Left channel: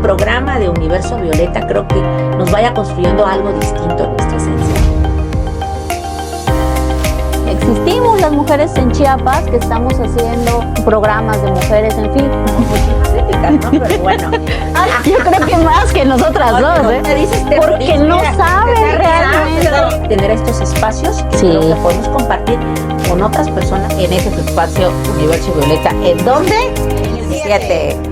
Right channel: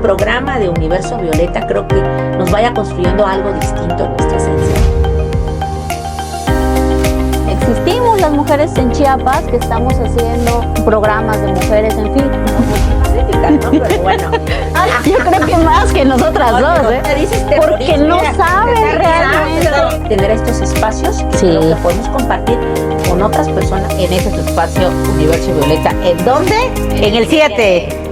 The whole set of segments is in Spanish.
programa de Universo Violeta creo que nos vaya construyendo algo distinto en nuestra esencia. Existimos las mujeres en Chiapas que estamos haciendo programas de mujeres, en fin. Muchísimas éticas, ¿no? Pero bueno. Yo creo que más que nosotras dos, ¿eh? Porque no saben realmente. Tener estos espacios que creo que podemos compartir con otras personas en ese espacio Universo Violeta. ¿En dónde? En el 7.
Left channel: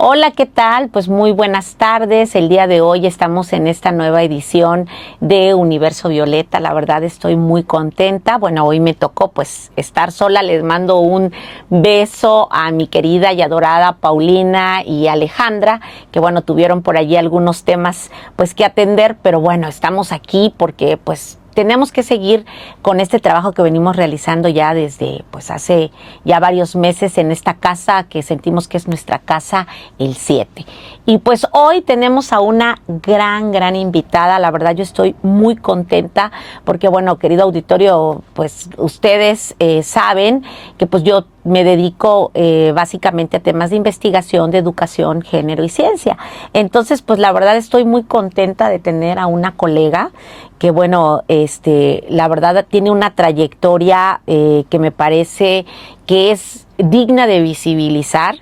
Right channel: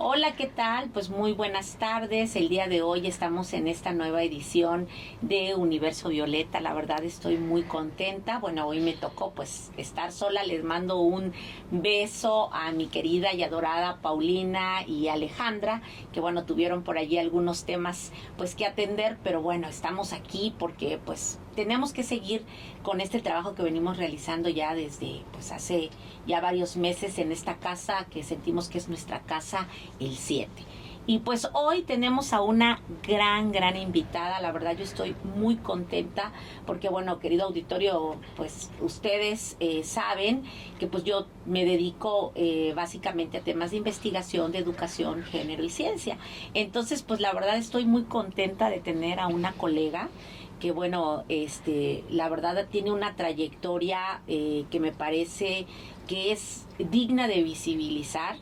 Hola, ¿qué tal? Pues muy buenas tardes. El día de hoy estamos en esta nueva edición de Universo Violeta. La verdad estoy muy contenta. Bueno, hoy me tocó pues estar sola. Les mando un beso a mi querida y adorada Paulina y Alejandra, que bueno, tuvieron por allí algunos temas pues que atender, pero bueno, estamos aquí porque pues tenemos que seguir con este trabajo que venimos realizando ya desde pues hace ya varios meses en esta casa que sentimos que es nuestra casa, el 7. Y pues hoy tenemos a una gran invitada. La verdad yo estoy muy contenta porque bueno, querido auditorio, pues ustedes saben que pues yo me dedico básicamente a temas de investigación, de educación, género y ciencia. Entonces pues la verdad estoy muy contenta de tener a una colega que bueno, la verdad tiene una trayectoria que me parece que es digna de visibilizar.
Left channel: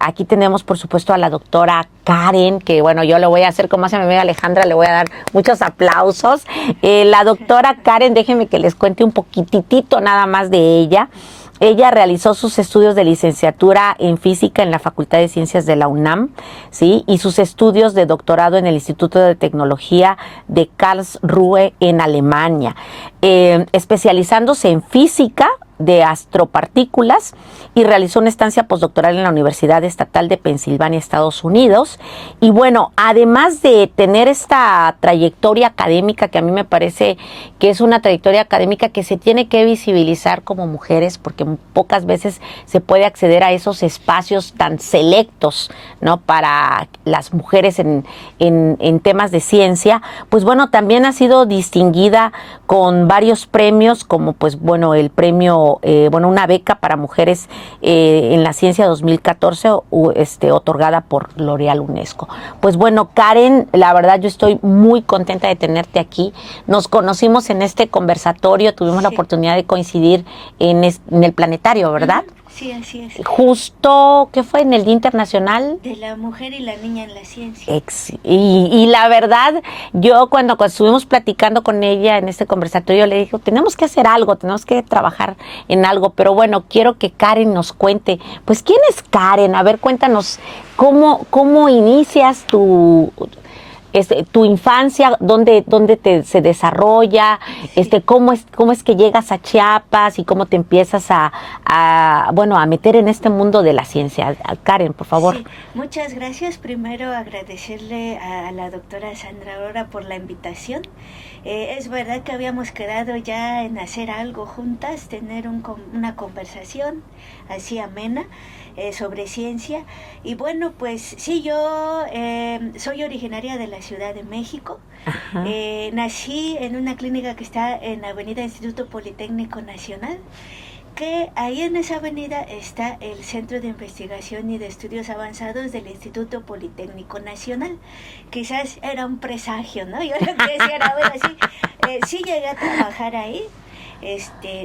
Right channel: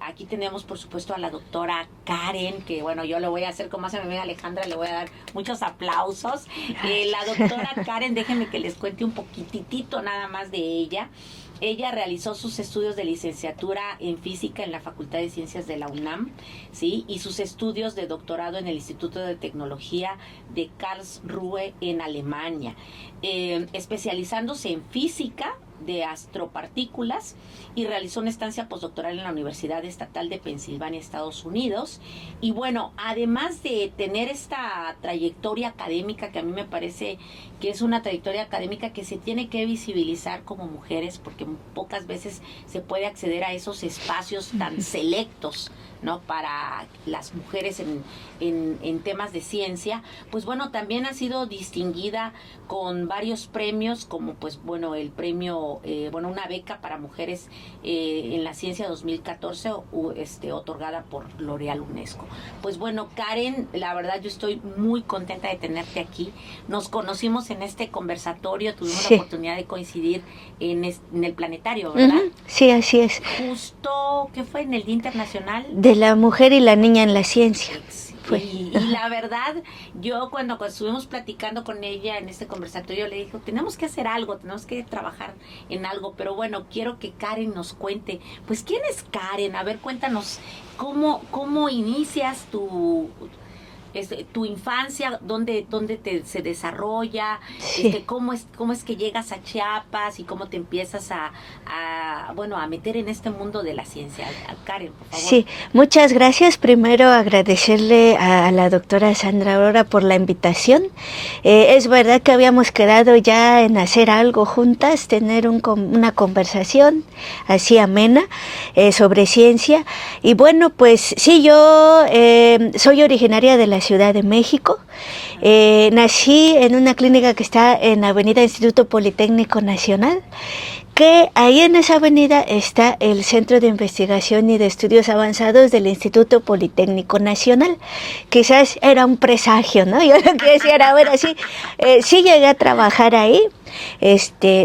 Aquí tenemos por supuesto a la doctora Karen, que bueno, yo le voy a hacer como hace mi amiga Alejandra, le voy a dar muchos aplausos. La doctora Karen, déjenme que les cuente un poquitito nada más de ella. Ella realizó sus estudios de licenciatura en física en la Facultad de Ciencias de la UNAM, ¿sí? Y sus estudios de doctorado en el Instituto de Tecnología de Karlsruhe en Alemania, especializándose en física de astropartículas, y realizó una estancia postdoctoral en la Universidad Estatal de Pensilvania, Estados Unidos. Y bueno, además de tener esta trayectoria académica, que a mí me parece que es una trayectoria académica que se tiene que visibilizar como mujeres, porque pocas veces se puede acceder a esos espacios tan selectos, ¿no?, para las mujeres en temas de ciencia. Pues bueno, también ha sido distinguida con varios premios, como pues bueno, el premio, una beca para mujeres en la ciencia 2014, otorgada por L'Oréal UNESCO. Pues bueno, Karen, la verdad yo estoy muy contenta de tenerte aquí. Nos conocimos en este conversatorio, tuvimos la oportunidad de coincidir en el planetario, ¿verdad? Sí, así es. Justo, ¿qué fue? En el Día Internacional de la Mujer y la Niña en la Ciencia. Y la verdad, yo cuando estuvimos platicando con ella en este conversatorio, le dije, tenemos que hacer algo, tenemos que trabajar en algo, pero bueno, quiero que Karen nos cuente, pues, ¿quién es Karen? A ver, cuéntanos, ¿cómo inicias tu infancia? ¿Dónde se desarrolla? Sí. ¿Cómo es que llegas a Chiapas y cómo te empiezas a meter en este mundo de la ciencia? Karen, por favor. Sí, muchas gracias. Primero agradecerle a la doctora Sandra Aurora por la invitación. Es verdad que habíamos quedado ya en hacer algo juntas, tener una conversación así amena sobre ciencia. Y bueno, pues sí, yo soy originaria de la Ciudad de México. Nací en una clínica que está en Avenida Instituto Politécnico Nacional, que ahí en esa avenida está el Centro de Investigación y de Estudios Avanzados del Instituto Politécnico Nacional. Quizás era un presagio, ¿no? Yo lo que decía era, bueno, sí llegué a trabajar ahí.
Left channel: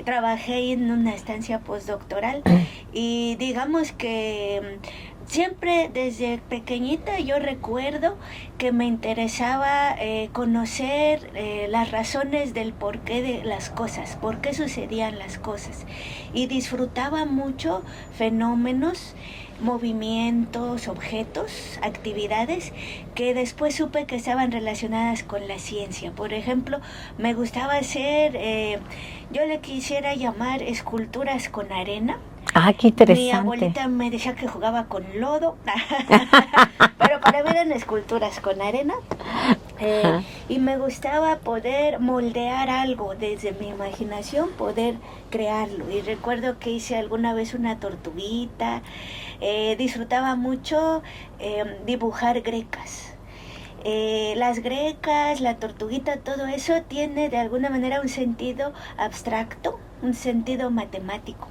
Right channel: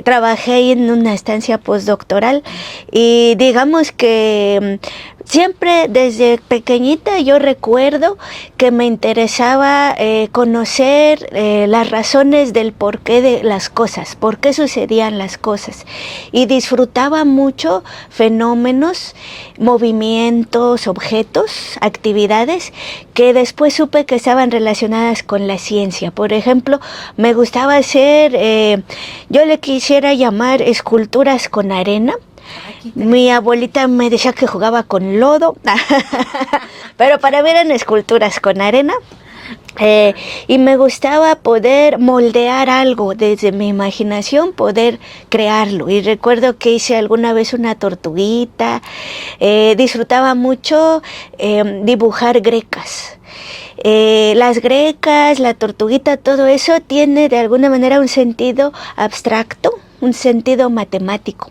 Trabajé en una estancia postdoctoral y digamos que siempre desde pequeñita yo recuerdo que me interesaba conocer las razones del porqué de las cosas, por qué sucedían las cosas, y disfrutaba mucho fenómenos, movimientos, objetos, actividades que después supe que estaban relacionadas con la ciencia. Por ejemplo, me gustaba hacer, yo le quisiera llamar esculturas con arena. Ah, qué interesante. Mi abuelita me decía que jugaba con lodo, pero para mí eran esculturas con arena. Y me gustaba poder moldear algo desde mi imaginación, poder crearlo. Y recuerdo que hice alguna vez una tortuguita. Disfrutaba mucho dibujar grecas. Las grecas, la tortuguita, todo eso tiene de alguna manera un sentido abstracto, un sentido matemático.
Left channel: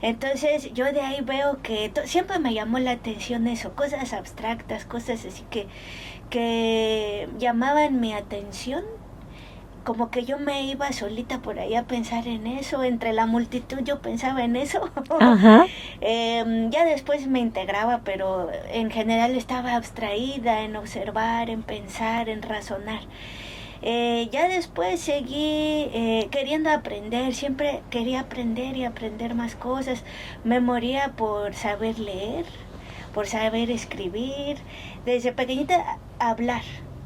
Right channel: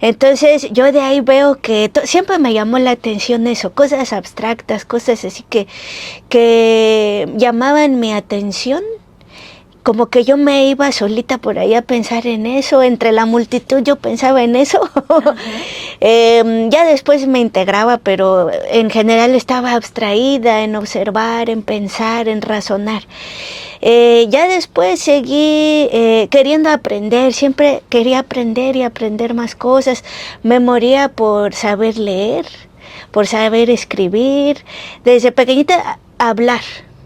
Entonces yo de ahí veo que siempre me llamó la atención eso, cosas abstractas, cosas así que llamaban mi atención. Como que yo me iba solita por ahí a pensar en eso, entre la multitud yo pensaba en eso. Ya después me integraba, pero en general estaba abstraída en observar, en pensar, en razonar. Ya después seguí queriendo aprender, siempre quería aprender y aprender más cosas. Me moría por saber leer, por saber escribir, desde pequeñita hablar.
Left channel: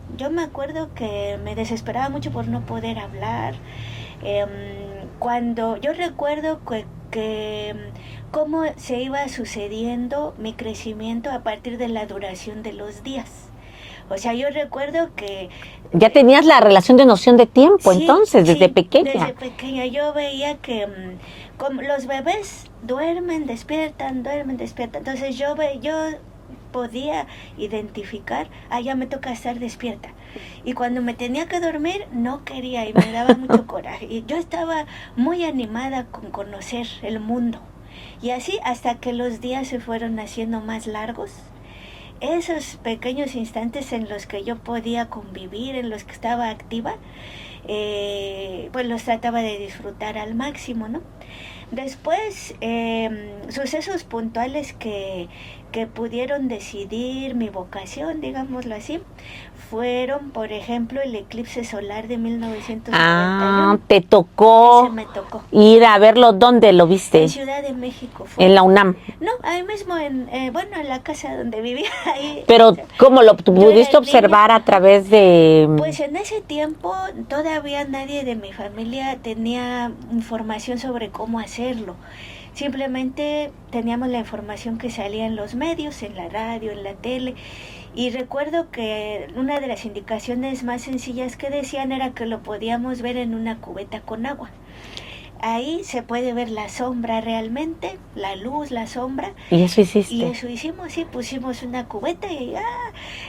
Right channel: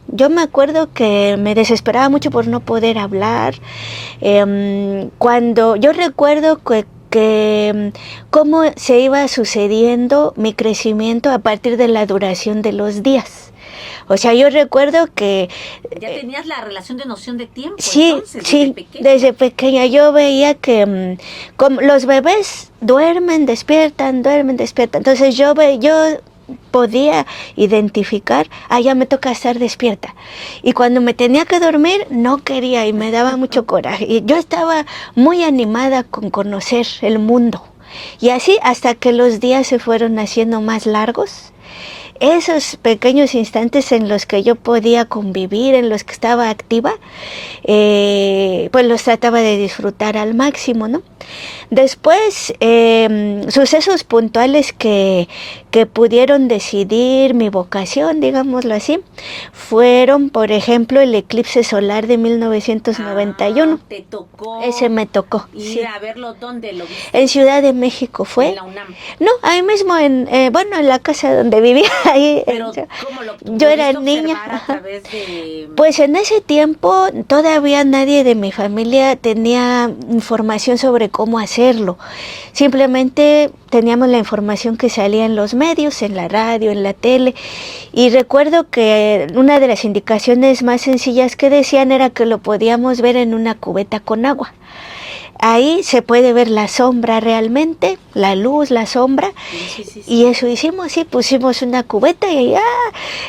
Yo me acuerdo que me desesperaba mucho por no poder hablar. Cuando yo recuerdo que cómo se iba sucediendo mi crecimiento a partir de la duración de los días. O sea, yo recuerdo que... Ya tenías la relación de noción de tiempo, sí, entonces, desde pequeña. Desde pequeña yo veía que como los bebés duermen, despiertan. Entonces yo podía identificar, ya me toca estar despierta. Y cuando me tenía que dormir, no quería y me daba mucho coraje. Y yo estaba muy animada con conocer el mundo. Y así hasta que los días se fueron haciendo más largos. Esos pequeños instantes en los que yo podía convivir, en los que estaba activa, pues los trataba de disfrutar al máximo, ¿no? Después, sucesos puntuales que pudieron decidir mi vocación, digámoslo así, fueron, por ejemplo, el eclipse solar de 1991. ¿Te tocó? Ese me tocó. Ir a verlo, ¿dónde lo viste? En Ciudad de México fue. ¿En la UNAM? No, ahí mismo, en la casa donde vivía. Ahí, pero, ¿cómo lo pudiste observar niña, a través de...? Pues en ese tiempo todavía nadie de mi familia tenía información sobre cómo hacerlo. Simplemente teníamos la información que salía en los medios, en la radio, en la tele. Y recuerdo que una de las indicaciones más sencillas que decían era que lo podíamos ver en una cubeta con agua. Ahí se puede ver la sombra realmente, la luz, la sombra. Y eso hiciste. Y eso hicimos, sí, pusimos una cubeta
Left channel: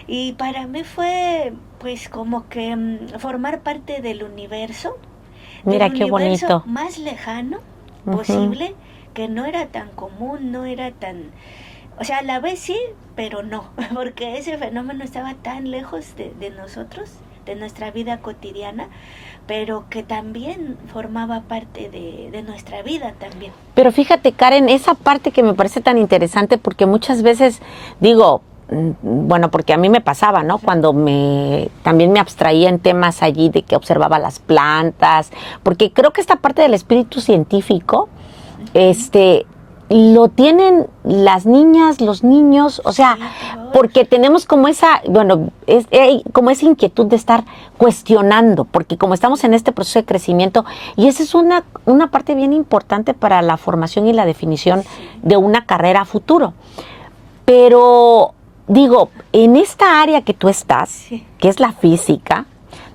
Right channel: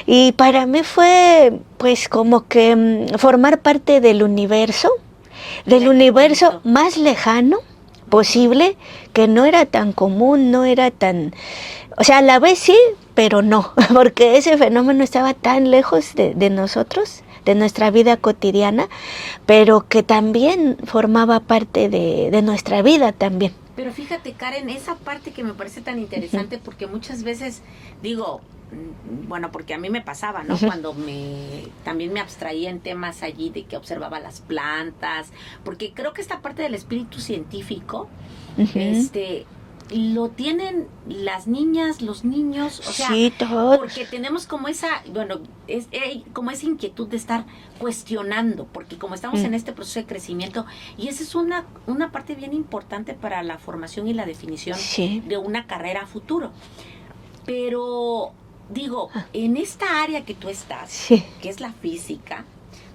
y para mí fue pues como que formar parte del universo, Mira, del universo bonito. más lejano posible, que no era tan común, no era tan... O sea, a la vez sí, pero no, porque ese fenómeno estaba tan lejos de nosotros, de nuestra vida cotidiana, pero que también formaba parte de nuestra vida también. Pero fíjate, Karen, esa parte que me parece tan interesante, porque muchas veces digo, bueno, porque a mí me pasaba, ¿no? Cuando también me abstraía en temas allí de que observaba las plantas, porque creo que esta parte del espíritu científico, lo tienen las niñas, los niños, o sea, sí, porque tenemos como esa, como esa inquietud de estar cuestionando, porque como estamos en este proceso de crecimiento, y esa es una parte bien importante para la formación y la definición de una carrera a futuro. Pero digo, en esta área que tú estás, que es la física,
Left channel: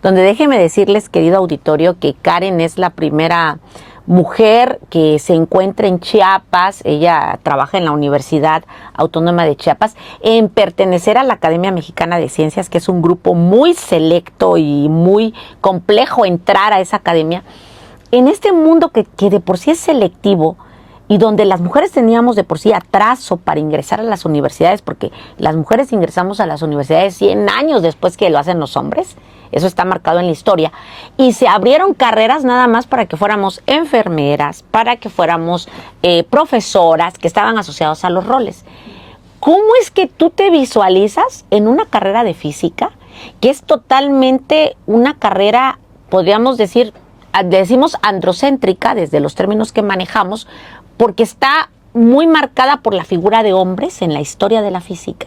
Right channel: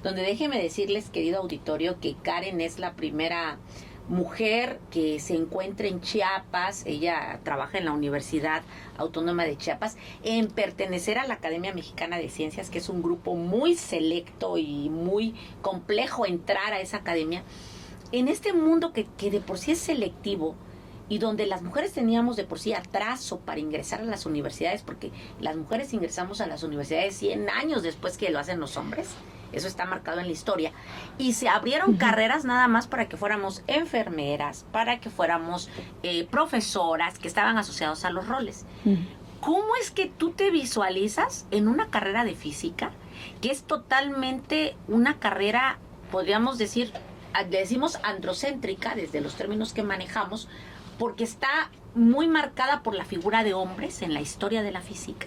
donde déjeme decirles, querido auditorio, que Karen es la primera mujer que se encuentra en Chiapas, ella trabaja en la Universidad Autónoma de Chiapas, en pertenecer a la Academia Mexicana de Ciencias, que es un grupo muy selecto y muy complejo entrar a esa academia. En este mundo que de por sí es selectivo y donde las mujeres teníamos de por sí atraso para ingresar a las universidades, porque las mujeres ingresamos a las universidades 100 años después que lo hacen los hombres, eso está marcado en la historia, y se abrieron carreras nada más para que fuéramos enfermeras, para que fuéramos profesoras, que estaban asociados a los roles. ¿Cómo es que tú te visualizas en una carrera de física, que es totalmente una carrera, podríamos decimos androcéntrica, desde los términos que manejamos, porque está muy marcada por la figura de hombres en la historia de la física,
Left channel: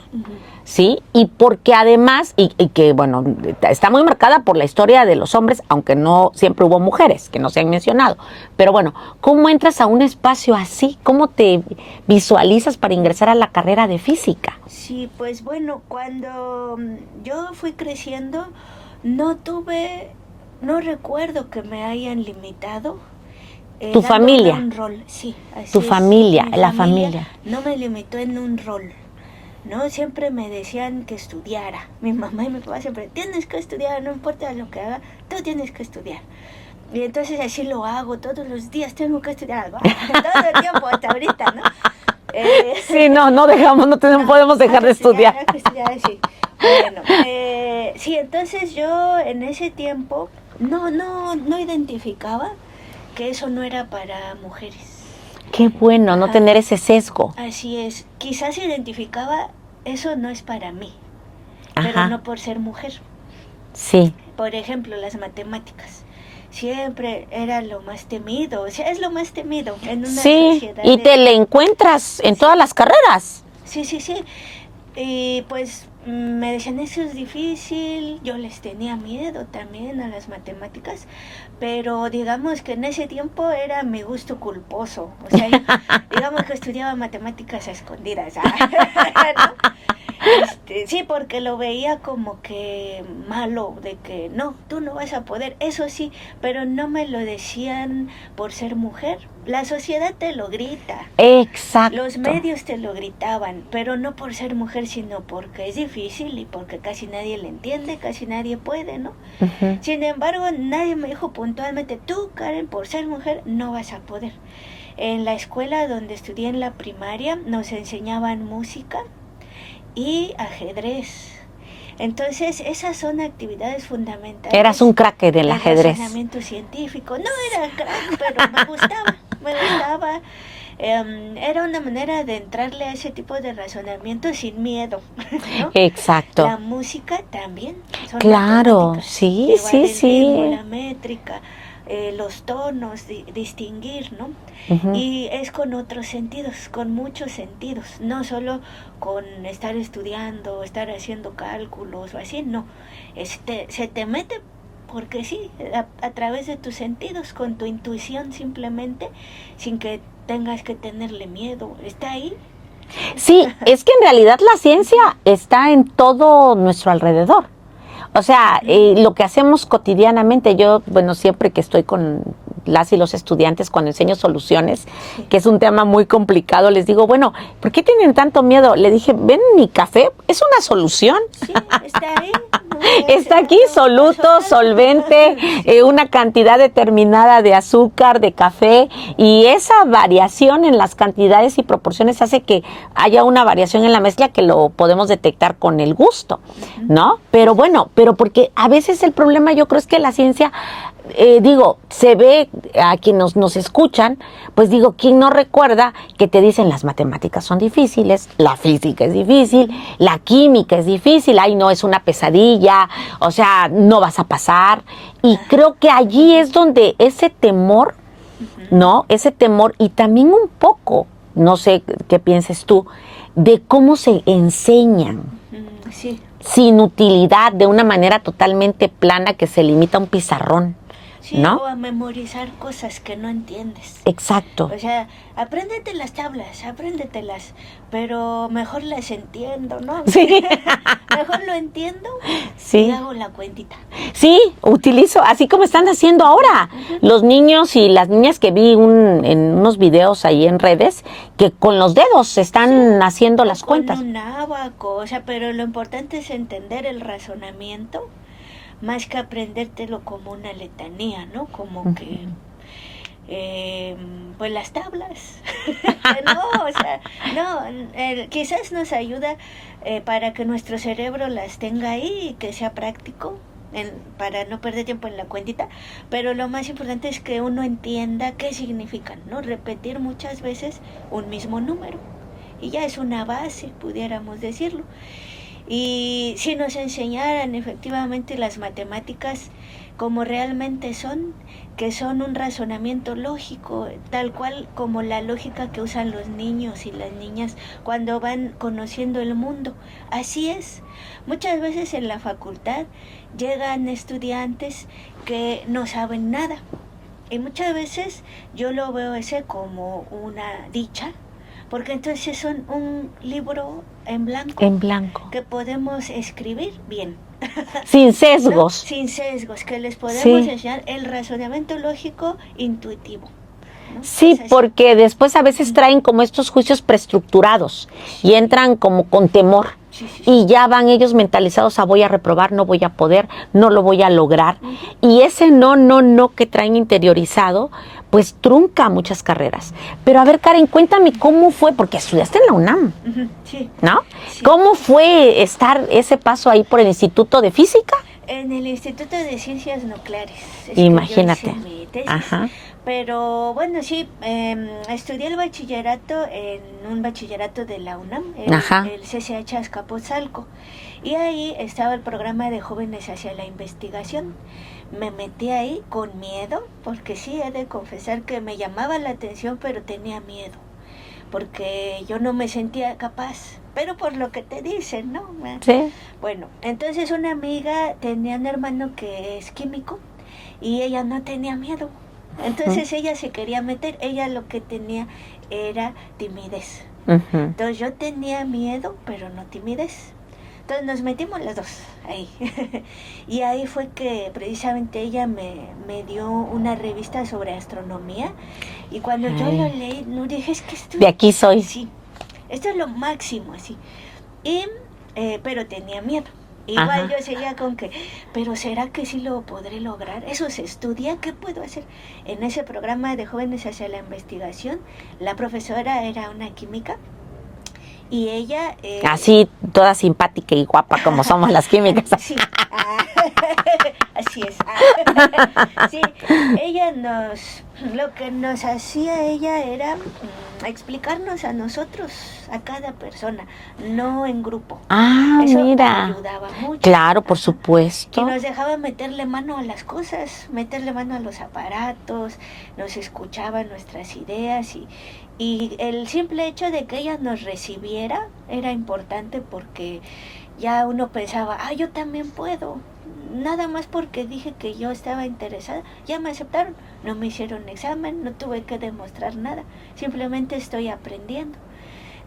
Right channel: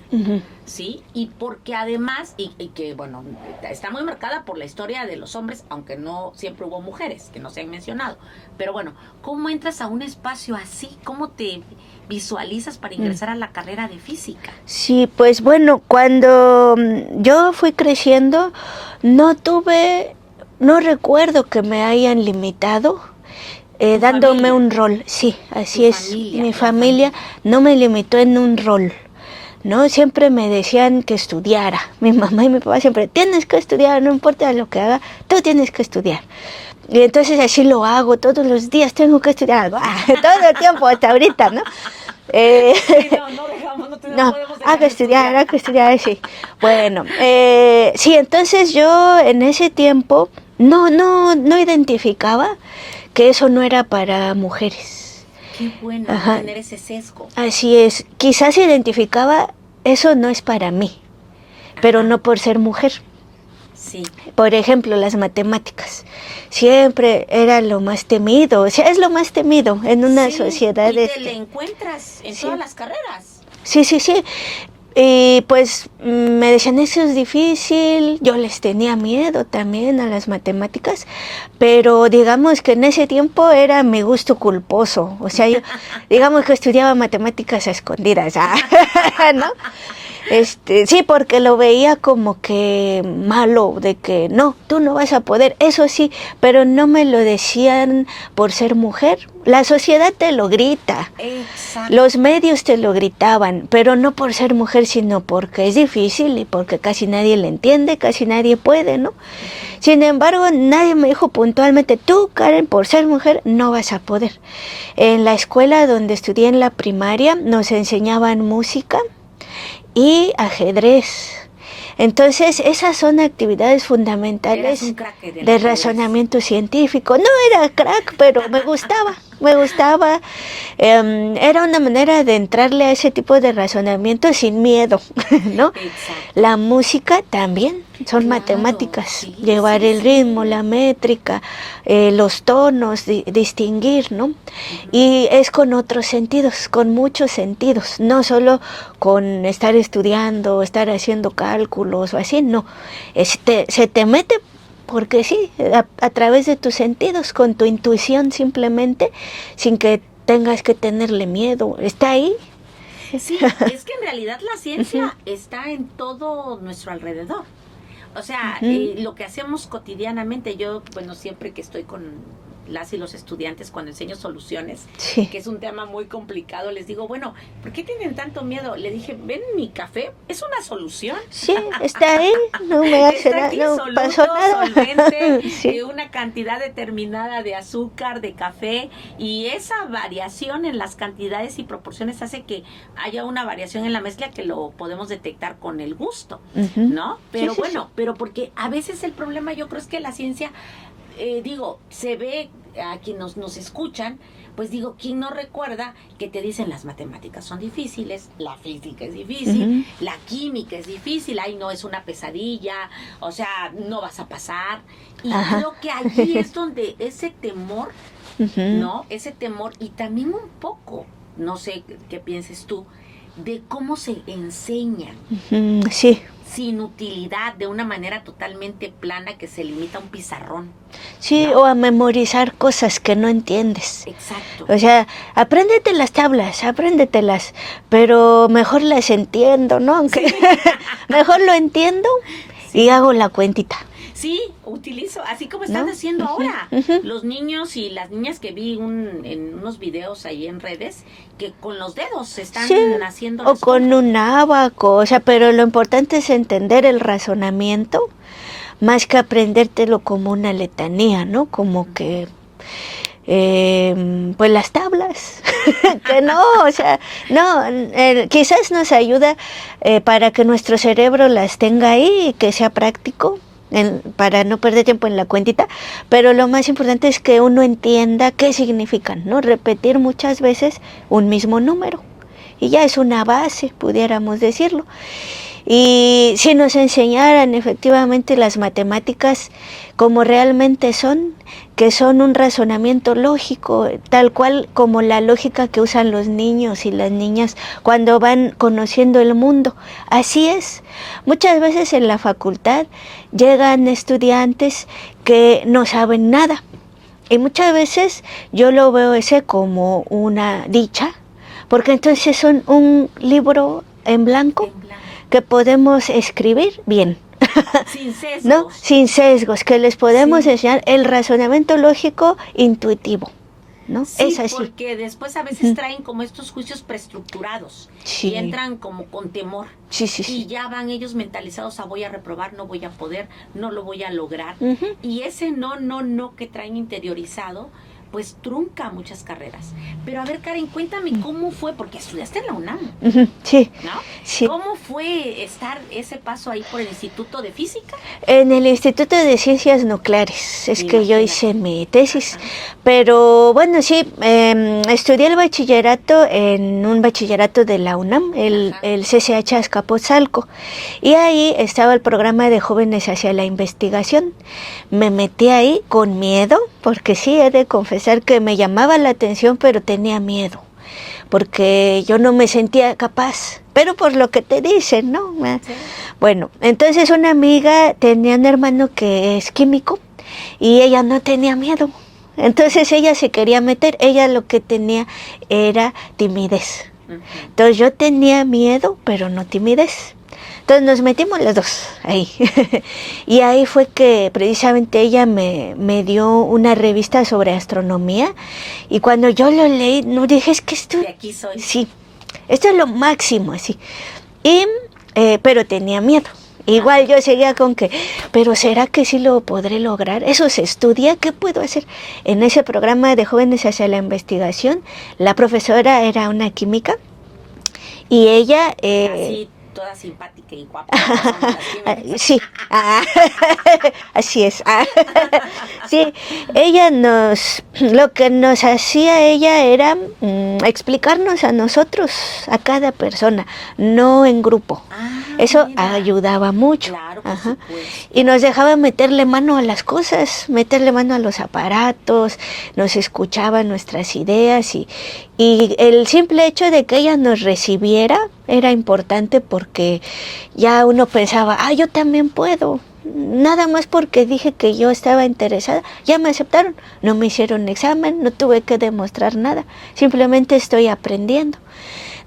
¿sí? Y porque además, y que bueno, está muy marcada por la historia de los hombres, aunque no siempre hubo mujeres, que no se han mencionado. Pero bueno, ¿cómo entras a un espacio así? ¿Cómo te visualizas para ingresar a la carrera de física? Sí, pues bueno, cuando yo fui creciendo, no recuerdo que me hayan limitado. Dándome familia. Un rol, sí, así tu es. familia, Mi la familia no me limitó en un rol, ¿no? Siempre me decían que estudiara. Mi mamá y mi papá siempre, tienes que estudiar, no importa lo que haga, tú tienes que estudiar. Y entonces así lo hago todos los días, tengo que estudiar algo, todo el tiempo hasta ahorita, ¿no? Sí, no dejamos, no podemos dejar de estudiar. Hay que estudiar, sí. Bueno, sí, entonces yo en ese tiempo no identificaba que eso no era para mujeres. Qué bueno, Ajá. no tener ese sesgo. Así es, quizás identificaba, eso no es para mí, pero Ajá. no por ser mujer. Sí. Por ejemplo, las matemáticas. Siempre era lo más temido, o sea, es lo más temido en una sociedad. Y te le encuentras en todas las carreras. Sí. Y pues me decían, eso es difícil, yo les tenía miedo también a las matemáticas, pero digamos que en ese tiempo era mi gusto culposo, o sea, yo, digamos que estudiaba matemáticas a escondidas, ¿no? Sí, porque lo veía como que malo, de que no, tú no vas a poder, eso sí, pero no me lo decían por ser mujer. La sociedad te lo grita. Exacto. Los medios te lo gritaban, pero no por ser mujer, sino porque es difícil y porque casi nadie le entiende, casi nadie puede, ¿no? Uh-huh. Sin embargo, nadie me dijo puntualmente, tú, Karen, por ser mujer, no vas a poder. En la escuela donde estudié en la primaria, nos enseñaban música y ajedrez. Entonces, esas son actividades fundamentales. Eras un crack del ajedrez. Razonamiento científico. No era crack, pero me gustaba. Era una manera de entrarle a ese tipo de razonamiento sin miedo, ¿no? Exacto. La música también son Claro, matemáticas. sí, Llevar sí, el sí. ritmo, la métrica, los tonos, distinguir, ¿no? Uh-huh. Y es con otros sentidos, con muchos sentidos, no solo con estar estudiando, estar haciendo cálculos o así, no. Se te mete porque sí, a través de tus sentidos, con tu intuición simplemente, sin que tengas que tenerle miedo. Está ahí. Sí, es que en realidad la ciencia está en todo nuestro alrededor. O sea, lo que hacemos cotidianamente, yo, bueno, siempre que estoy con las y los estudiantes, cuando enseño soluciones, Sí. que es un tema muy complicado, les digo, bueno, ¿por qué tienen tanto miedo? Le dije, ven, mi café es una solución. Sí, está ahí. No me hace Está nada, aquí, no soluto, pasó nada. solvente, Sí. una cantidad determinada de azúcar, de café, y esa variación en las cantidades y proporciones hace que haya una variación en la mezcla que lo podemos detectar con el gusto, ¿no? Pero bueno, pero porque a veces el problema yo creo es que la ciencia, se ve a quienes nos escuchan, pues digo, ¿quién no recuerda que te dicen las matemáticas son difíciles, la física es difícil, la química es difícil, ay no, es una pesadilla, o sea, no vas a pasar? Y creo que allí es donde ese temor, ¿no? Ese temor y también un poco, no sé qué pienses tú, de cómo se enseñan. Sí. Sin utilidad, de una manera totalmente plana que se limita a un pizarrón. Sí, ¿no? o a memorizar cosas que no entiendes. Exacto. O sea, apréndete las tablas, pero mejor las entiendo, ¿no? Sí. Mejor lo entiendo y hago la cuentita. Sí, utilizo, así como están haciendo ahora. Los niños y las niñas que vi en unos videos ahí en redes, que con los dedos están haciendo las con cuentas. un ábaco, o sea, pero lo importante es entender el razonamiento más que aprendértelo como una letanía, ¿no? Como que, pues las tablas, que no, o sea, no, quizás nos ayuda para que nuestro cerebro las tenga ahí y que sea práctico, para no perder tiempo en la cuentita, pero lo más importante es que uno entienda qué significan, ¿no? Repetir muchas veces un mismo número, y ya es una base, pudiéramos decirlo. Y si nos enseñaran efectivamente las matemáticas como realmente son, que son un razonamiento lógico, tal cual como la lógica que usan los niños y las niñas cuando van conociendo el mundo. Así es. Muchas veces en la facultad llegan estudiantes que no saben nada. Y muchas veces yo lo veo ese como una dicha, porque entonces son un libro en blanco que podemos escribir bien. Sin sesgos. ¿No? Sin sesgos, que les podemos enseñar el razonamiento lógico intuitivo. ¿no? Sí, Es así. porque después a veces traen como estos juicios preestructurados Sí. y entran como con temor. Sí, sí, sí. Y ya van ellos mentalizados a voy a reprobar, no voy a poder, no lo voy a lograr. Y ese no que traen interiorizado, pues trunca muchas carreras. Pero a ver, Karen, cuéntame cómo fue, porque estudiaste en la UNAM, Sí. ¿no? Sí. ¿Cómo fue estar ese paso ahí por el Instituto de Física? En el Instituto de Ciencias Nucleares es que yo Imagínate. hice mi tesis. Ajá. Pero bueno, sí, estudié el bachillerato en un bachillerato de la UNAM, Ajá. el CCH Azcapotzalco. Y ahí estaba el programa de jóvenes hacia la investigación. Me metí ahí con miedo, porque sí, he de confesar que me llamaba la atención, pero tenía miedo, porque yo no me sentía capaz. Pero por lo que te dicen, ¿no? Sí. Bueno, entonces una amiga tenía un hermano que es químico y ella no tenía miedo. Entonces ella se quería meter, ella lo que tenía era timidez. Entonces yo tenía miedo, pero no timidez. Entonces nos metimos los dos ahí. Y ahí fue que precisamente ella me dio una revista sobre astronomía. Y cuando yo lo leí, no dije, es que esto... De aquí soy. Sí, esto es lo máximo, así. Y, pero tenía miedo. Igual Ajá. yo seguía con que, pero ¿será que sí lo podré lograr? Eso se estudia, ¿qué puedo hacer? En ese programa de jóvenes hacia la investigación, la profesora era una química y ella... Así, toda simpática y guapa como somos las químicas. Sí, así es. Sí, ella lo que nos hacía ella era explicarnos a nosotros, a cada persona, no en grupo. Ah, Eso mira. ayudaba mucho. Claro, por Ajá. supuesto. Y nos dejaba meterle mano a las cosas, meterle mano a los aparatos, nos escuchaba nuestras ideas y el simple hecho de que ella nos recibiera era importante porque ya uno pensaba, yo también puedo. Nada más porque dije que yo estaba interesada, ya me aceptaron, no me hicieron examen, no tuve que demostrar nada, simplemente estoy aprendiendo.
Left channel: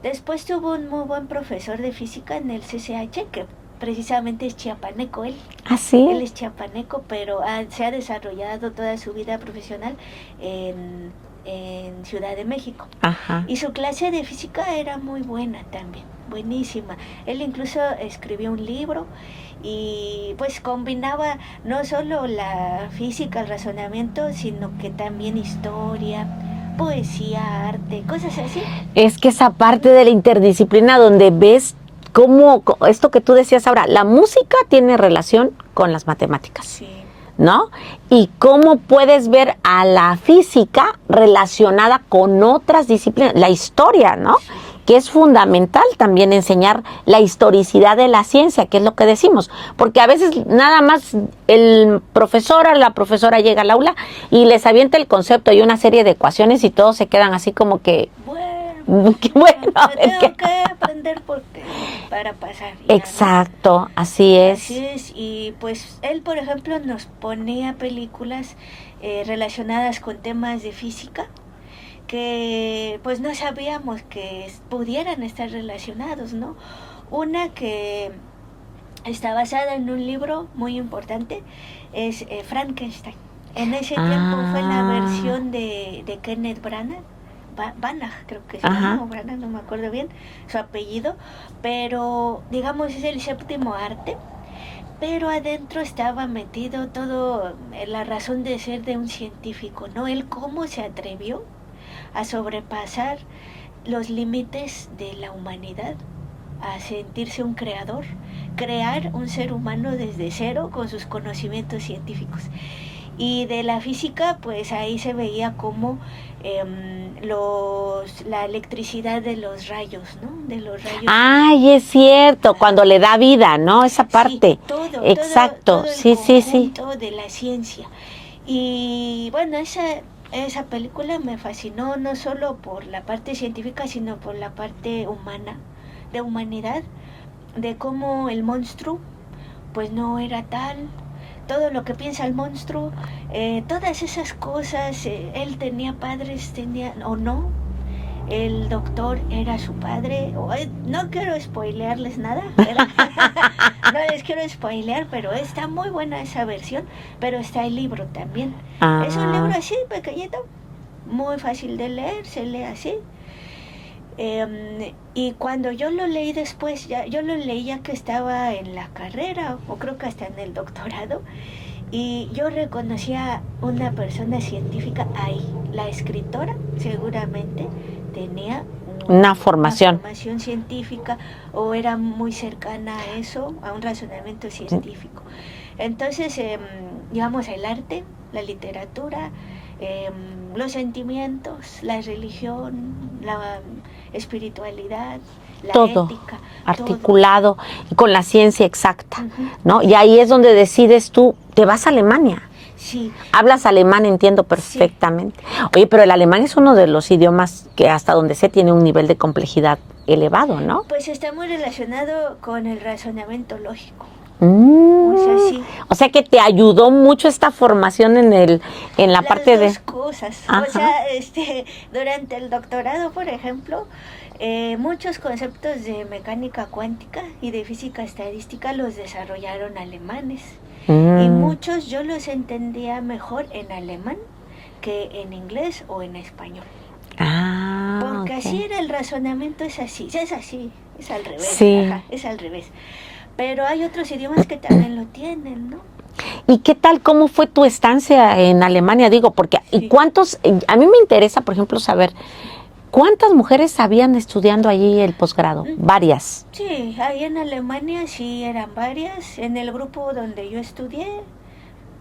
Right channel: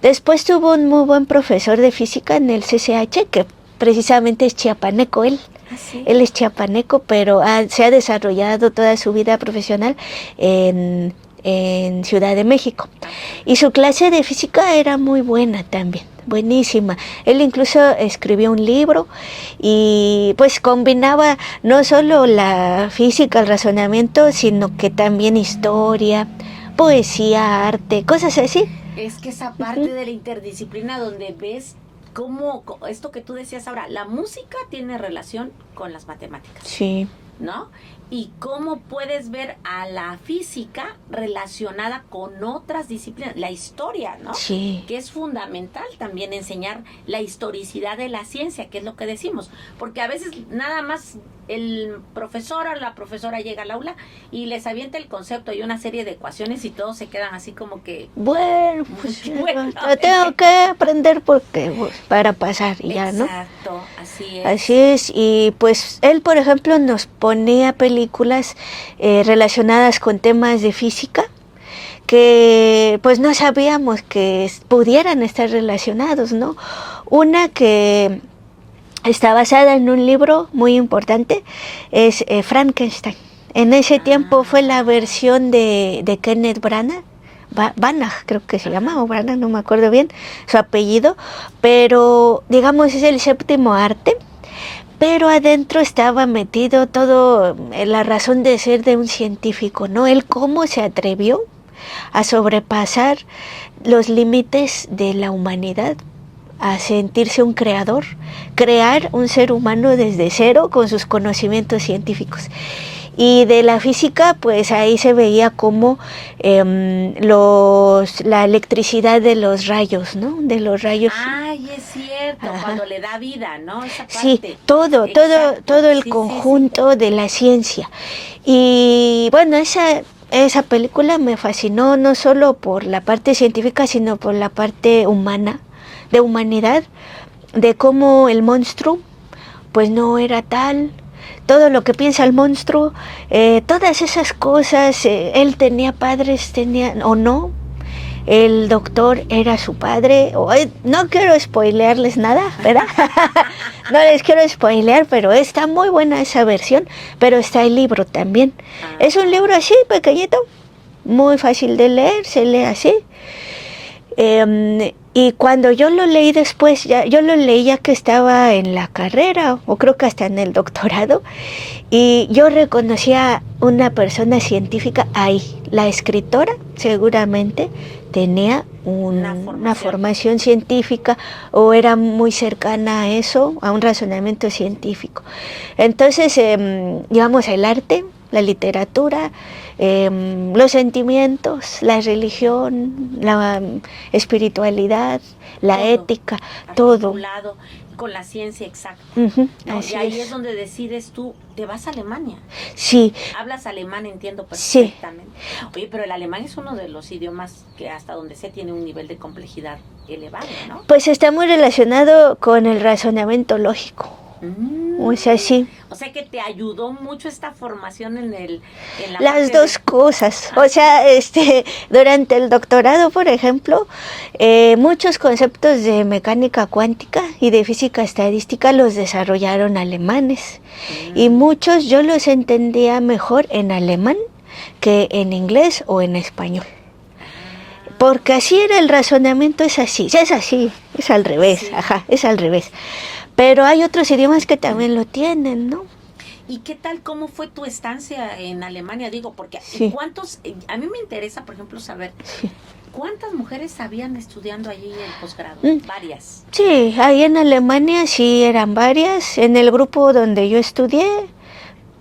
Después tuvo un muy buen profesor de física en el CCH, que precisamente es chiapaneco él. ¿Ah, sí? Él es chiapaneco, pero se ha desarrollado toda su vida profesional en Ciudad de México. Ajá. Y su clase de física era muy buena también, buenísima. Él incluso escribió un libro y pues combinaba no solo la física, el razonamiento, sino que también historia, poesía, arte, cosas así. Es que esa parte de la interdisciplina donde ves cómo esto que tú decías ahora, la música tiene relación con las matemáticas, Sí. ¿no? Y cómo puedes ver a la física relacionada con otras disciplinas, la historia, ¿no? Sí. Que es fundamental también enseñar la historicidad de la ciencia, que es lo que decimos, porque a veces nada más el profesor o la profesora llega al aula y les avienta el concepto y una serie de ecuaciones y todos se quedan así como que... Bueno, Bueno, lo tengo que aprender porque para pasar. Ya, ¿no? Exacto, así es. Así es, y pues él, por ejemplo, nos ponía películas relacionadas con temas de física que pues no sabíamos que pudieran estar relacionados, ¿no? Una que está basada en un libro muy importante es Frankenstein. En ese tiempo fue la versión de Kenneth Branagh. Branagh creo que se llama, o Branagh, no me acuerdo bien su apellido, pero digamos es el séptimo arte, pero adentro estaba metido todo la razón de ser de un científico, ¿no? Él cómo se atrevió a sobrepasar los límites de la humanidad, a sentirse un creador, crear un ser humano desde cero con sus conocimientos científicos. Y de la física, pues ahí se veía como la electricidad de los rayos, ¿no? De los rayos. Ay, es cierto, cuando le da vida, ¿no? Esa parte. Sí, todo el conjunto de la ciencia. Y bueno, esa película me fascinó no solo por la parte científica, sino por la parte humana, de humanidad, de cómo el monstruo, pues no era tal. Todo lo que piensa el monstruo, todas esas cosas, él tenía padres, o no, el doctor era su padre, no quiero spoilearles nada, ¿verdad? No les quiero spoilear, pero está muy buena esa versión, pero está el libro también. Es un libro así, pequeñito, muy fácil de leer, se lee así. Y cuando yo lo leí después, yo lo leí ya que estaba en la carrera, o creo que hasta en el doctorado, y yo reconocía una persona científica ahí. La escritora seguramente tenía una formación científica, o era muy cercana a eso, a un razonamiento científico. Entonces, digamos, el arte, la literatura, los sentimientos, la religión, la espiritualidad, la todo ética, articulado y con la ciencia exacta, ¿no? Así Y ahí es. es donde decides tú, te vas a Alemania. Sí. Hablas alemán, entiendo perfectamente. Sí. Oye, pero el alemán es uno de los idiomas que hasta donde sé tiene un nivel de complejidad elevado, ¿no? Pues está muy relacionado con el razonamiento lógico. O sea, sí. O sea que te ayudó mucho esta formación en la Las parte dos cosas. Ajá. O sea, durante el doctorado, por ejemplo, muchos conceptos de mecánica cuántica y de física estadística los desarrollaron alemanes. Y muchos yo los entendía mejor en alemán que en inglés o en español. Porque así era el razonamiento, es así, es al revés, sí. Ajá, es al revés. Pero hay otros idiomas que también lo tienen, ¿no? ¿Y qué tal, cómo fue tu estancia en Alemania? Digo, porque Sí. a mí me interesa, por ejemplo, saber, ¿cuántas mujeres habían estudiando allí el posgrado? Varias. Sí, ahí en Alemania sí eran varias. En el grupo donde yo estudié,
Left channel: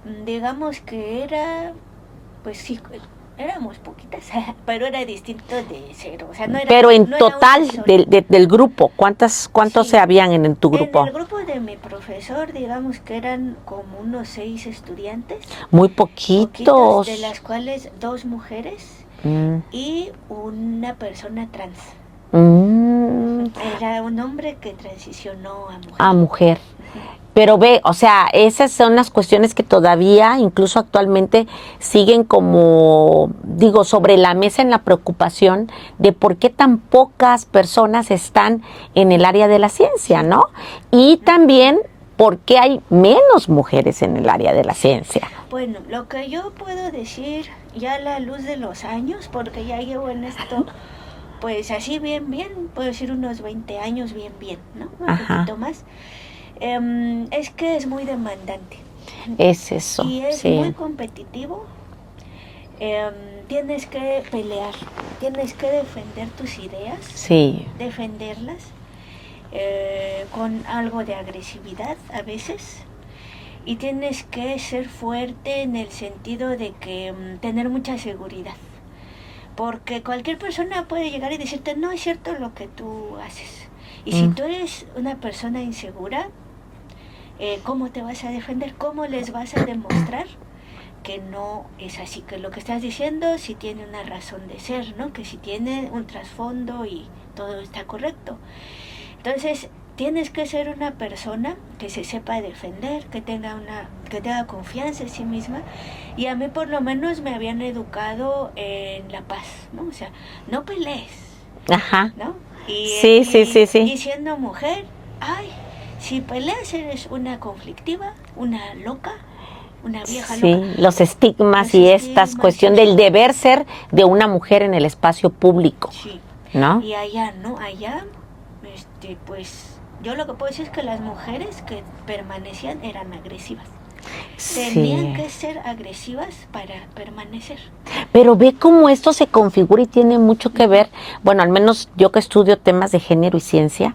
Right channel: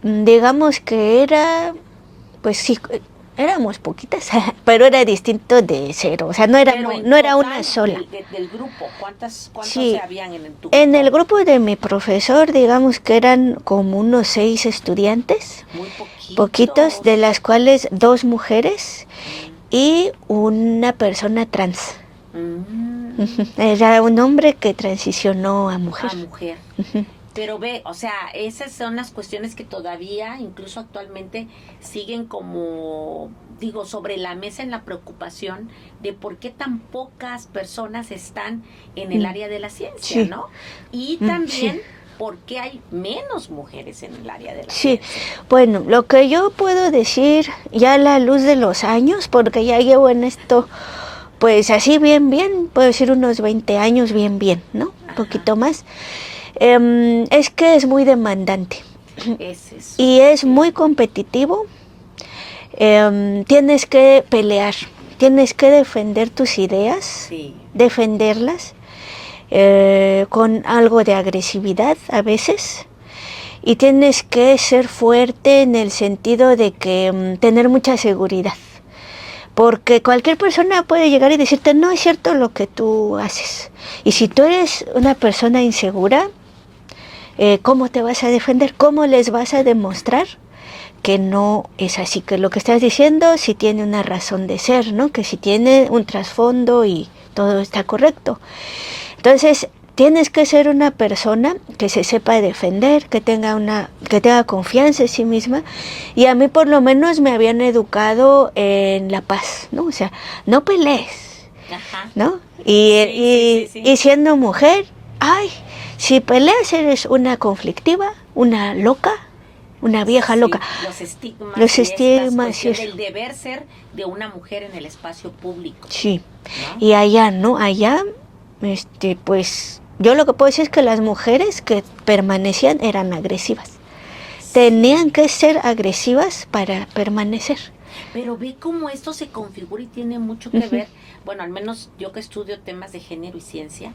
digamos que era, pues sí, éramos poquitas, pero era distinto de cero. O sea, no era, pero en no total era una sola. del grupo, ¿cuántos Sí. se habían en tu grupo? En el grupo de mi profesor, digamos que eran como unos 6 estudiantes. Muy poquitos. Poquitos, de las cuales 2 mujeres y una persona trans. Era un hombre que transicionó a mujer. A mujer. Pero ve, o sea, esas son las cuestiones que todavía, incluso actualmente, siguen como, digo, sobre la mesa en la preocupación de por qué tan pocas personas están en el área de la ciencia, Sí. ¿no? Y también por qué hay menos mujeres en el área de la ciencia. Bueno, lo que yo puedo decir ya a la luz de los años, porque ya llevo en esto, pues así bien, puedo decir unos 20 años bien, ¿no? Un poquito más. Es que es muy demandante. Es eso. Y es sí. muy competitivo. Tienes que pelear, tienes que defender tus ideas, Sí. defenderlas con algo de agresividad a veces. Y tienes que ser fuerte en el sentido de que tener mucha seguridad. Porque cualquier persona puede llegar y decirte, no es cierto lo que tú haces. Y si tú eres una persona insegura, ¿cómo te vas a defender? ¿Cómo les vas a demostrar que no es así? Que lo que estás diciendo sí tiene una razón de ser, ¿no? Que sí tiene un trasfondo y todo está correcto. Entonces, tienes que ser una persona que se sepa defender, que tenga confianza en sí misma. Y a mí por lo menos me habían educado en la paz, ¿no? O sea, no pelees, Ajá. ¿no? Sí. Y siendo mujer, si peleas eres una conflictiva, una loca, una vieja loca. Los estigmas esta cuestión del deber ser de una mujer en el espacio público. Sí. ¿No? Y allá, ¿no? Allá, pues, yo lo que puedo decir es que las mujeres que permanecían eran agresivas. Tenían que ser agresivas para permanecer. Pero ve cómo esto se configura y tiene mucho que ver, bueno, al menos yo que estudio temas de género y ciencia,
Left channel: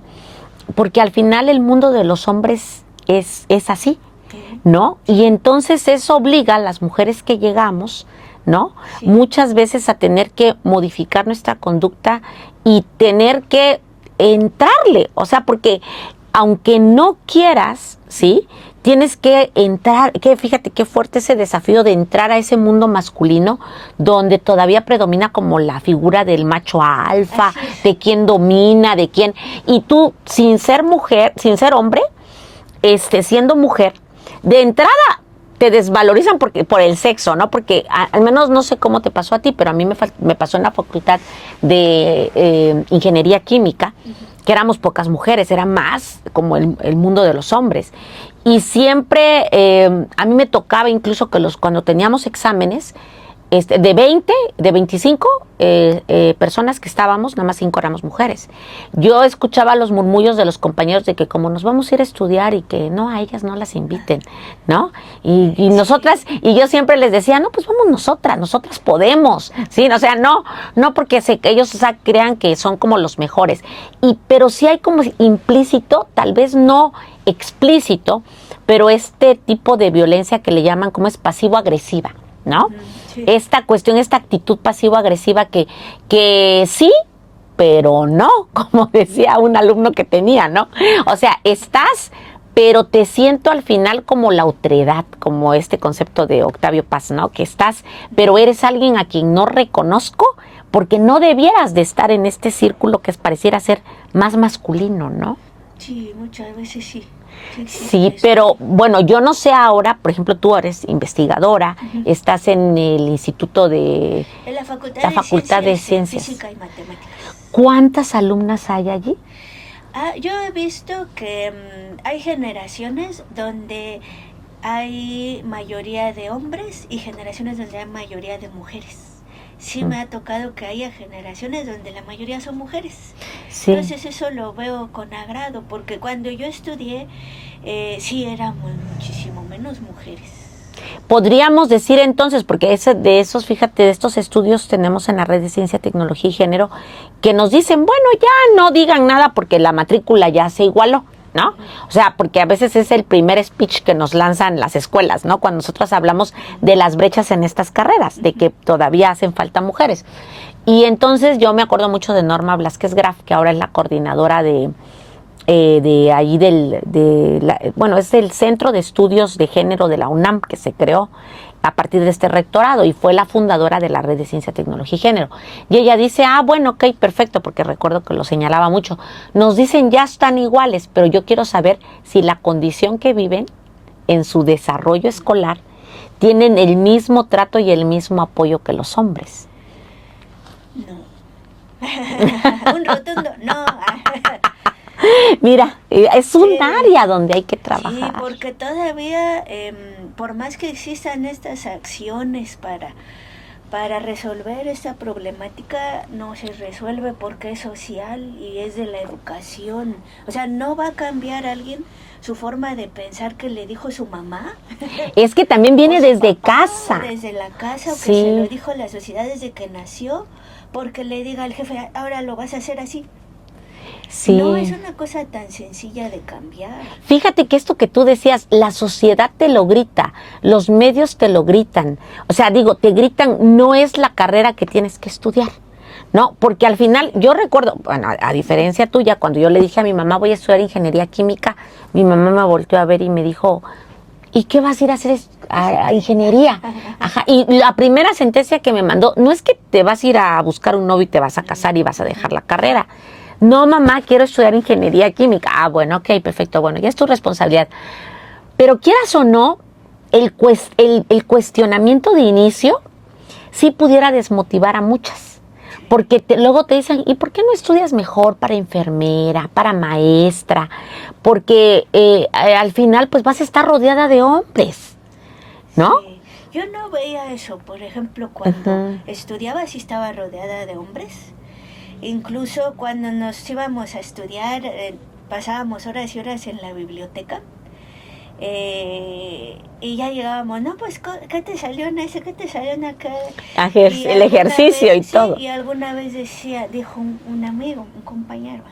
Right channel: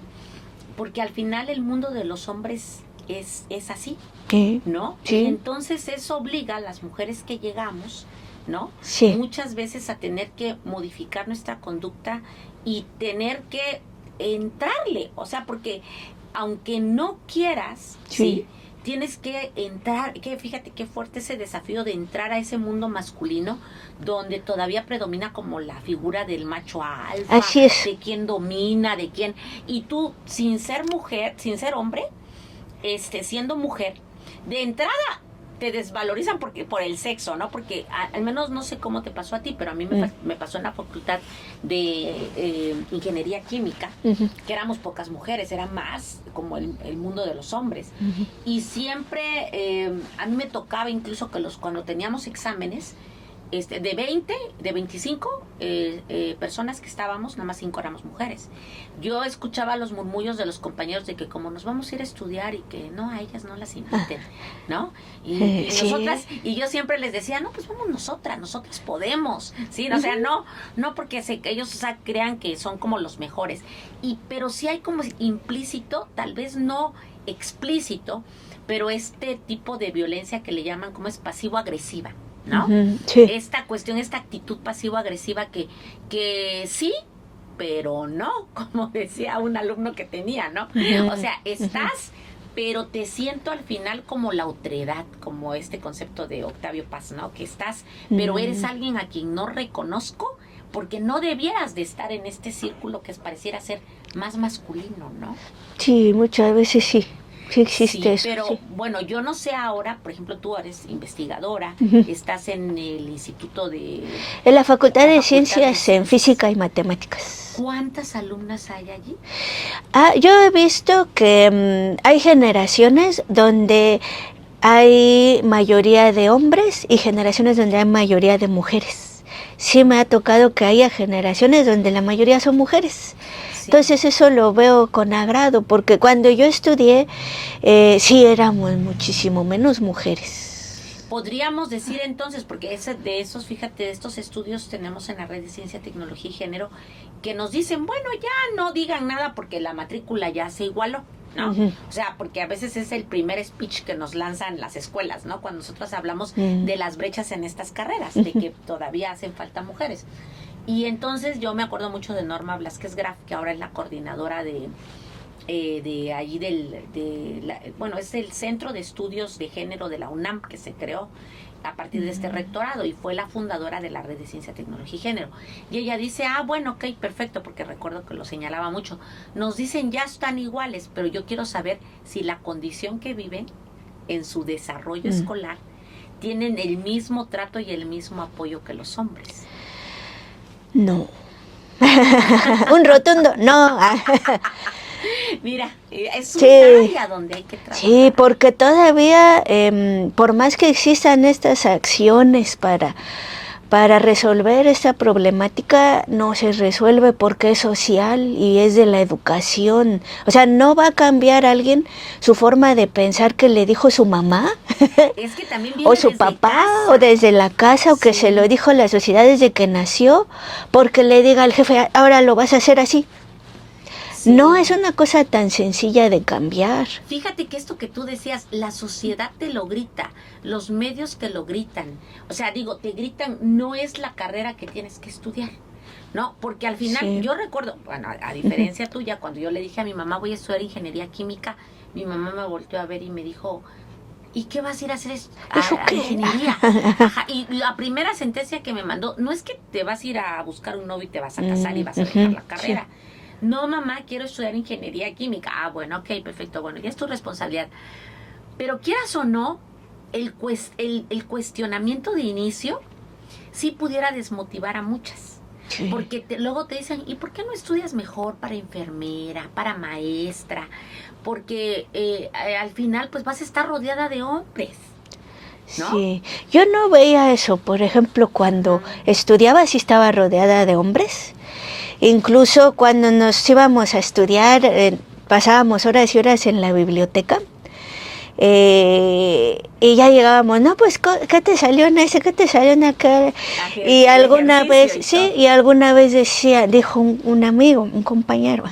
porque al final el mundo de los hombres es así, ¿no? Sí. Y entonces eso obliga a las mujeres que llegamos, ¿no? Sí. Muchas veces a tener que modificar nuestra conducta y tener que entrarle, o sea, porque aunque no quieras, ¿sí? Tienes que entrar, que fíjate qué fuerte ese desafío de entrar a ese mundo masculino donde todavía predomina como la figura del macho alfa, de quién domina, de quién, y tú sin ser mujer, sin ser hombre, siendo mujer, de entrada te desvalorizan por el sexo, ¿no? Porque al menos no sé cómo te pasó a ti, pero a mí me pasó en la facultad de ingeniería química, que éramos pocas mujeres, era más como el mundo de los hombres. Y siempre a mí me tocaba incluso que cuando teníamos exámenes, de 25 personas que estábamos, nada más 5 éramos mujeres. Yo escuchaba los murmullos de los compañeros de que como nos vamos a ir a estudiar y que no, a ellas no las inviten, ¿no? Y nosotras, y yo siempre les decía, no, pues vamos nosotras podemos, ¿sí? O sea, no porque ellos crean que son como los mejores. Pero sí hay como implícito, tal vez no explícito, pero este tipo de violencia que le llaman como es pasivo-agresiva, ¿no? Sí. Esta cuestión, esta actitud pasivo-agresiva que sí, pero no, como decía un alumno que tenía, ¿no? O sea, estás, pero te siento al final como la otredad, como este concepto de Octavio Paz, ¿no? Que estás, pero eres alguien a quien no reconozco porque no debieras de estar en este círculo que pareciera ser más masculino, ¿no? Sí, muchas veces sí. Sí, eso, pero bueno, yo no sé ahora, por ejemplo, tú eres investigadora, estás en el Instituto de... En la Facultad de Ciencias en Física y Matemáticas. ¿Cuántas alumnas hay allí? Yo he visto que hay generaciones donde hay mayoría de hombres y generaciones donde hay mayoría de mujeres. Sí me ha tocado que haya generaciones donde la mayoría son mujeres. Sí. Entonces eso lo veo con agrado, porque cuando yo estudié, sí éramos muchísimo menos mujeres. Podríamos decir entonces, porque de estos estudios tenemos en la Red de Ciencia, Tecnología y Género, que nos dicen, bueno, ya no digan nada porque la matrícula ya se igualó, ¿no? O sea, porque a veces es el primer speech que nos lanzan las escuelas, ¿no? Cuando nosotros hablamos de las brechas en estas carreras, de que todavía hacen falta mujeres. Y entonces yo me acuerdo mucho de Norma Blasquez Graf, que ahora es la coordinadora de ahí bueno, es el Centro de Estudios de Género de la UNAM, que se creó a partir de este rectorado y fue la fundadora de la Red de Ciencia, Tecnología y Género. Y ella dice, bueno, ok, perfecto, porque recuerdo que lo señalaba mucho. Nos dicen ya están iguales, pero yo quiero saber si la condición que viven en su desarrollo escolar tienen el mismo trato y el mismo apoyo que los hombres. No. Un rotundo no. Mira, es un área donde hay que trabajar. Sí, porque todavía, por más que existan estas acciones para resolver esta problemática, no se resuelve porque es social y es de la educación. O sea, no va a cambiar alguien su forma de pensar que le dijo su mamá. Es que también viene desde papá, casa. O desde la casa, o que se lo dijo la sociedad desde que nació, porque le diga al jefe, ahora lo vas a hacer así. Sí. No es una cosa tan sencilla de cambiar. Fíjate que esto que tú decías, la sociedad te lo grita, los medios te lo gritan. O sea, digo, te gritan, no es la carrera que tienes que estudiar, ¿no? Porque al final, yo recuerdo, bueno, a diferencia tuya, cuando yo le dije a mi mamá, voy a estudiar ingeniería química, mi mamá me volteó a ver y me dijo, ¿y qué vas a ir a hacer a ingeniería? Ajá. Y la primera sentencia que me mandó, no es que te vas a ir a buscar un novio y te vas a casar y vas a dejar la carrera. No, mamá, quiero estudiar ingeniería química. Bueno, ok, perfecto, bueno, ya es tu responsabilidad. Pero quieras o no, el cuestionamiento de inicio sí pudiera desmotivar a muchas. Sí. Porque luego te dicen, ¿y por qué no estudias mejor para enfermera, para maestra? Porque al final pues vas a estar rodeada de hombres, ¿no? Sí, yo no veía eso. Por ejemplo, cuando estudiaba sí estaba rodeada de hombres. Incluso cuando nos íbamos a estudiar, pasábamos horas y horas en la biblioteca y ya llegábamos, no, pues, ¿qué te salió en ese? ¿Qué te salió en aquel? Y alguna vez, y alguna vez dijo un amigo, un compañero,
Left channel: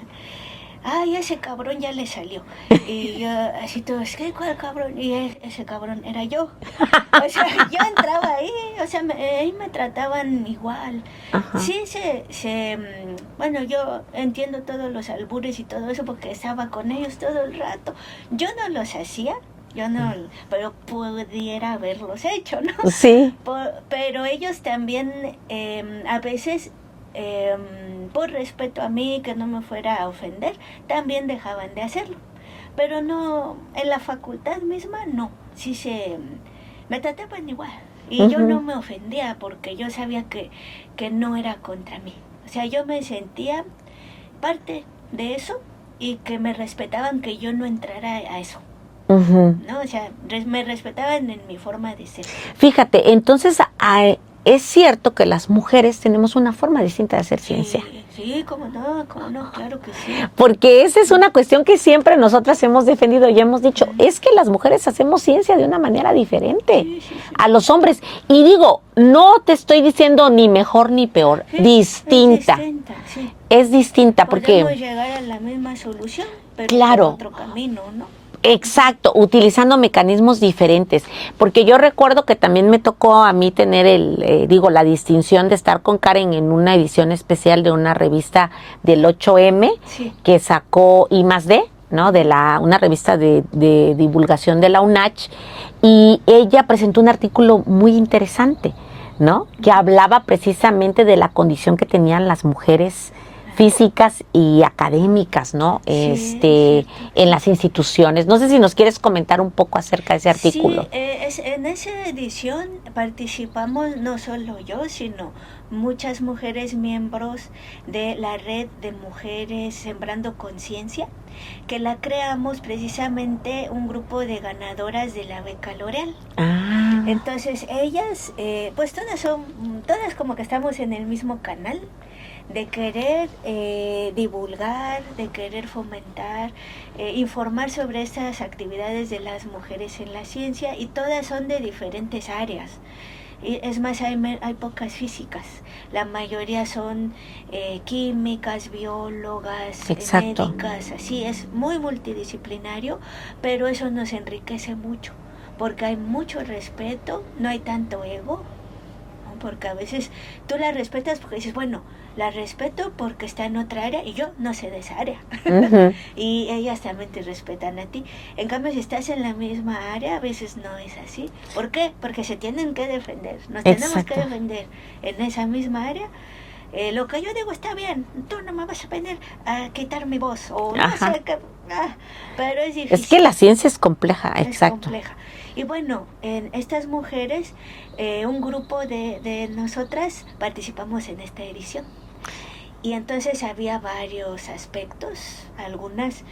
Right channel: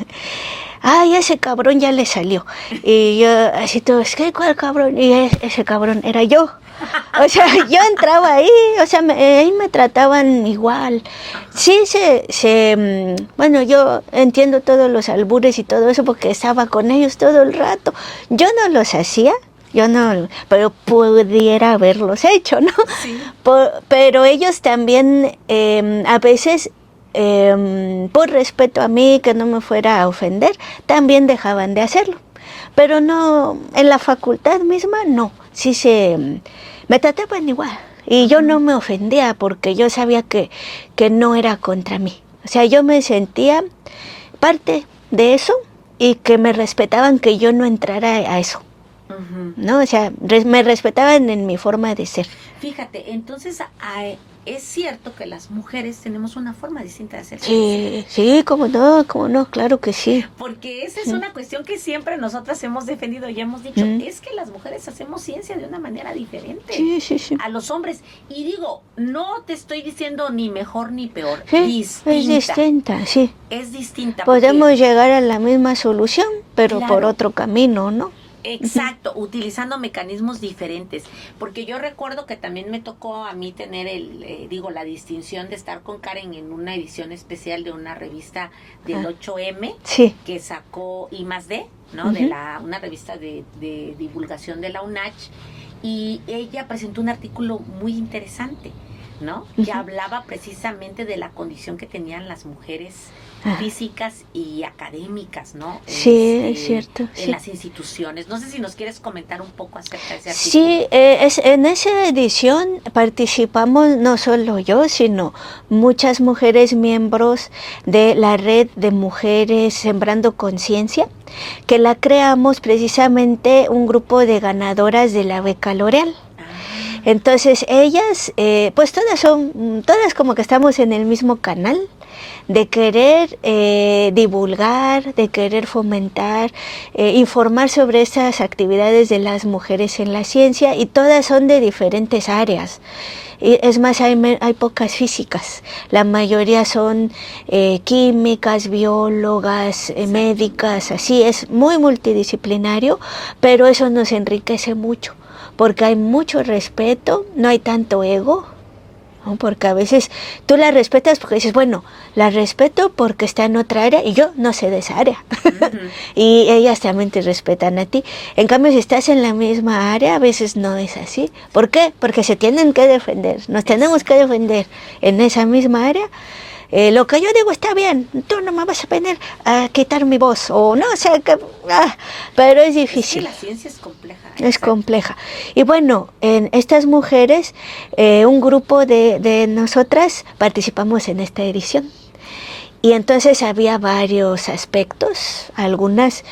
ay, ese cabrón ya le salió. Y yo, así todos, ¿qué? ¿Cuál cabrón? Y ese cabrón era yo. O sea, yo entraba ahí, o sea, ahí me trataban igual. Ajá. Sí, bueno, yo entiendo todos los albures y todo eso porque estaba con ellos todo el rato. Yo no los hacía, pero pudiera haberlos hecho, ¿no? Sí. Pero ellos también, a veces, por respeto a mí, que no me fuera a ofender, también dejaban de hacerlo. Pero no, en la facultad misma no, sí me trataban igual. Y yo no me ofendía porque yo sabía que no era contra mí. O sea, yo me sentía parte de eso y que me respetaban que yo no entrara a eso. ¿No? O sea, me respetaban en mi forma de ser. Fíjate, entonces es cierto que las mujeres tenemos una forma distinta de hacer ciencia. Sí, cómo no, claro que sí. Porque esa es una cuestión que siempre nosotras hemos defendido y hemos dicho, es que las mujeres hacemos ciencia de una manera diferente a los hombres. Y digo, no te estoy diciendo ni mejor ni peor, distinta. Es distinta, sí. Es distinta. Podemos llegar a la misma solución, pero por otro camino, ¿no? Exacto, utilizando mecanismos diferentes, porque yo recuerdo que también me tocó a mí tener la distinción de estar con Karen en una edición especial de una revista del 8M que sacó I+D, ¿no? De una revista de divulgación de la UNACH, y ella presentó un artículo muy interesante, ¿no? Que hablaba precisamente de la condición que tenían las mujeres físicas y académicas, ¿no? Cierto, en las instituciones. No sé si nos quieres comentar un poco acerca de ese artículo. Sí, en esa edición participamos no solo yo, sino muchas mujeres miembros de la red de mujeres Sembrando Conciencia, que la creamos precisamente un grupo de ganadoras de la beca L'Oréal. Entonces ellas, pues todas como que estamos en el mismo canal de querer divulgar, de querer fomentar, informar sobre estas actividades de las mujeres en la ciencia, y todas son de diferentes áreas. Es más, hay pocas físicas, la mayoría son químicas, biólogas, médicas, así es muy multidisciplinario, pero eso nos enriquece mucho, porque hay mucho respeto, no hay tanto ego, ¿no? Porque a veces tú la respetas porque dices, bueno, la respeto porque está en otra área y yo no sé de esa área. Y ellas también te respetan a ti. En cambio, si estás en la misma área, a veces no es así. ¿Por qué? Porque se tienen que defender, nos tenemos que defender en esa misma área. Lo que yo digo está bien, tú no me vas a venir a quitar mi voz, o no sé qué, pero es difícil. Es que la ciencia es compleja. Es compleja. Y bueno, en estas mujeres, un grupo de nosotras participamos en esta edición. Y entonces había varios aspectos. Algunas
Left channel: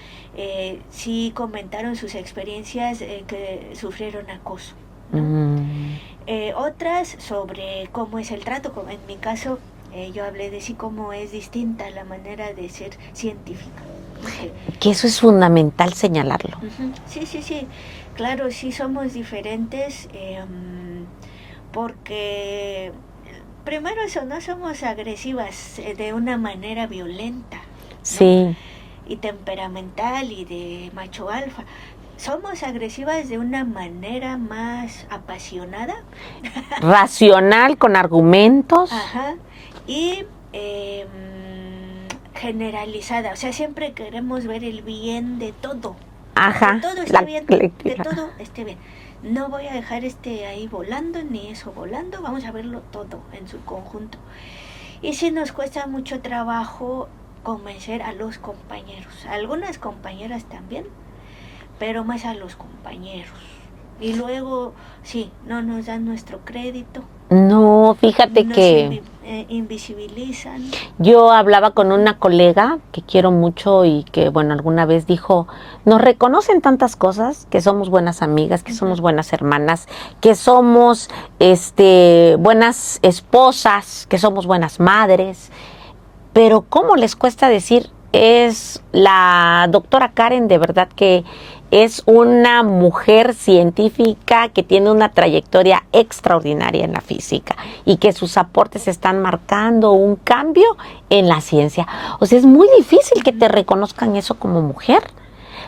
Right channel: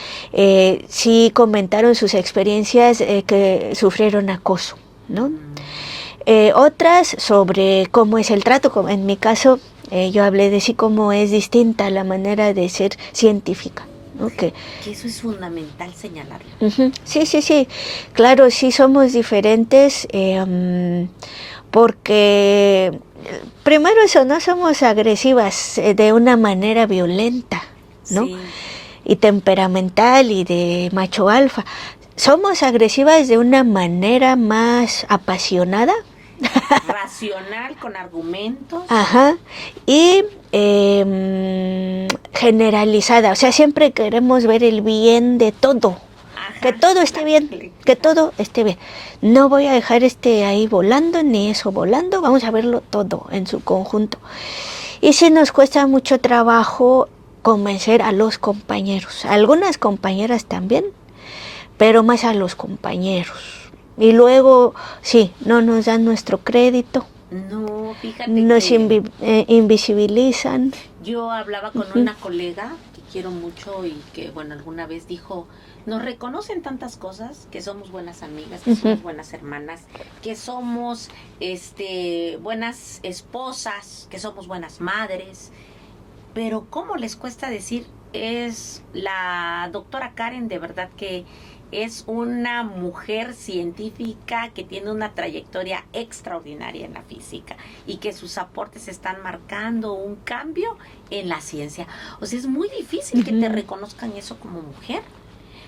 sí comentaron sus experiencias que sufrieron acoso, ¿no? Otras sobre cómo es el trato, como en mi caso, yo hablé de sí cómo es distinta la manera de ser científica. Que eso es fundamental señalarlo. Sí. Claro, sí somos diferentes porque primero eso, no somos agresivas de una manera violenta, ¿no? Sí. Y temperamental y de macho alfa. Somos agresivas de una manera más apasionada, racional, con argumentos. Y generalizada, o sea, siempre queremos ver el bien de todo. Que todo esté bien, que todo esté bien. No voy a dejar ahí volando, ni eso volando, vamos a verlo todo en su conjunto. Y sí nos cuesta mucho trabajo convencer a los compañeros, a algunas compañeras también, pero más a los compañeros. Y luego, sí, no nos dan nuestro crédito. No, fíjate que invisibilizan. Yo hablaba con una colega que quiero mucho y que, bueno, alguna vez dijo, nos reconocen tantas cosas, que somos buenas amigas, que somos buenas hermanas, que somos buenas esposas, que somos buenas madres, pero ¿cómo les cuesta decir? Es la doctora Karen, de verdad que es una mujer científica que tiene una trayectoria extraordinaria en la física y que sus aportes están marcando un cambio en la ciencia. O sea, es muy difícil que te reconozcan eso como mujer.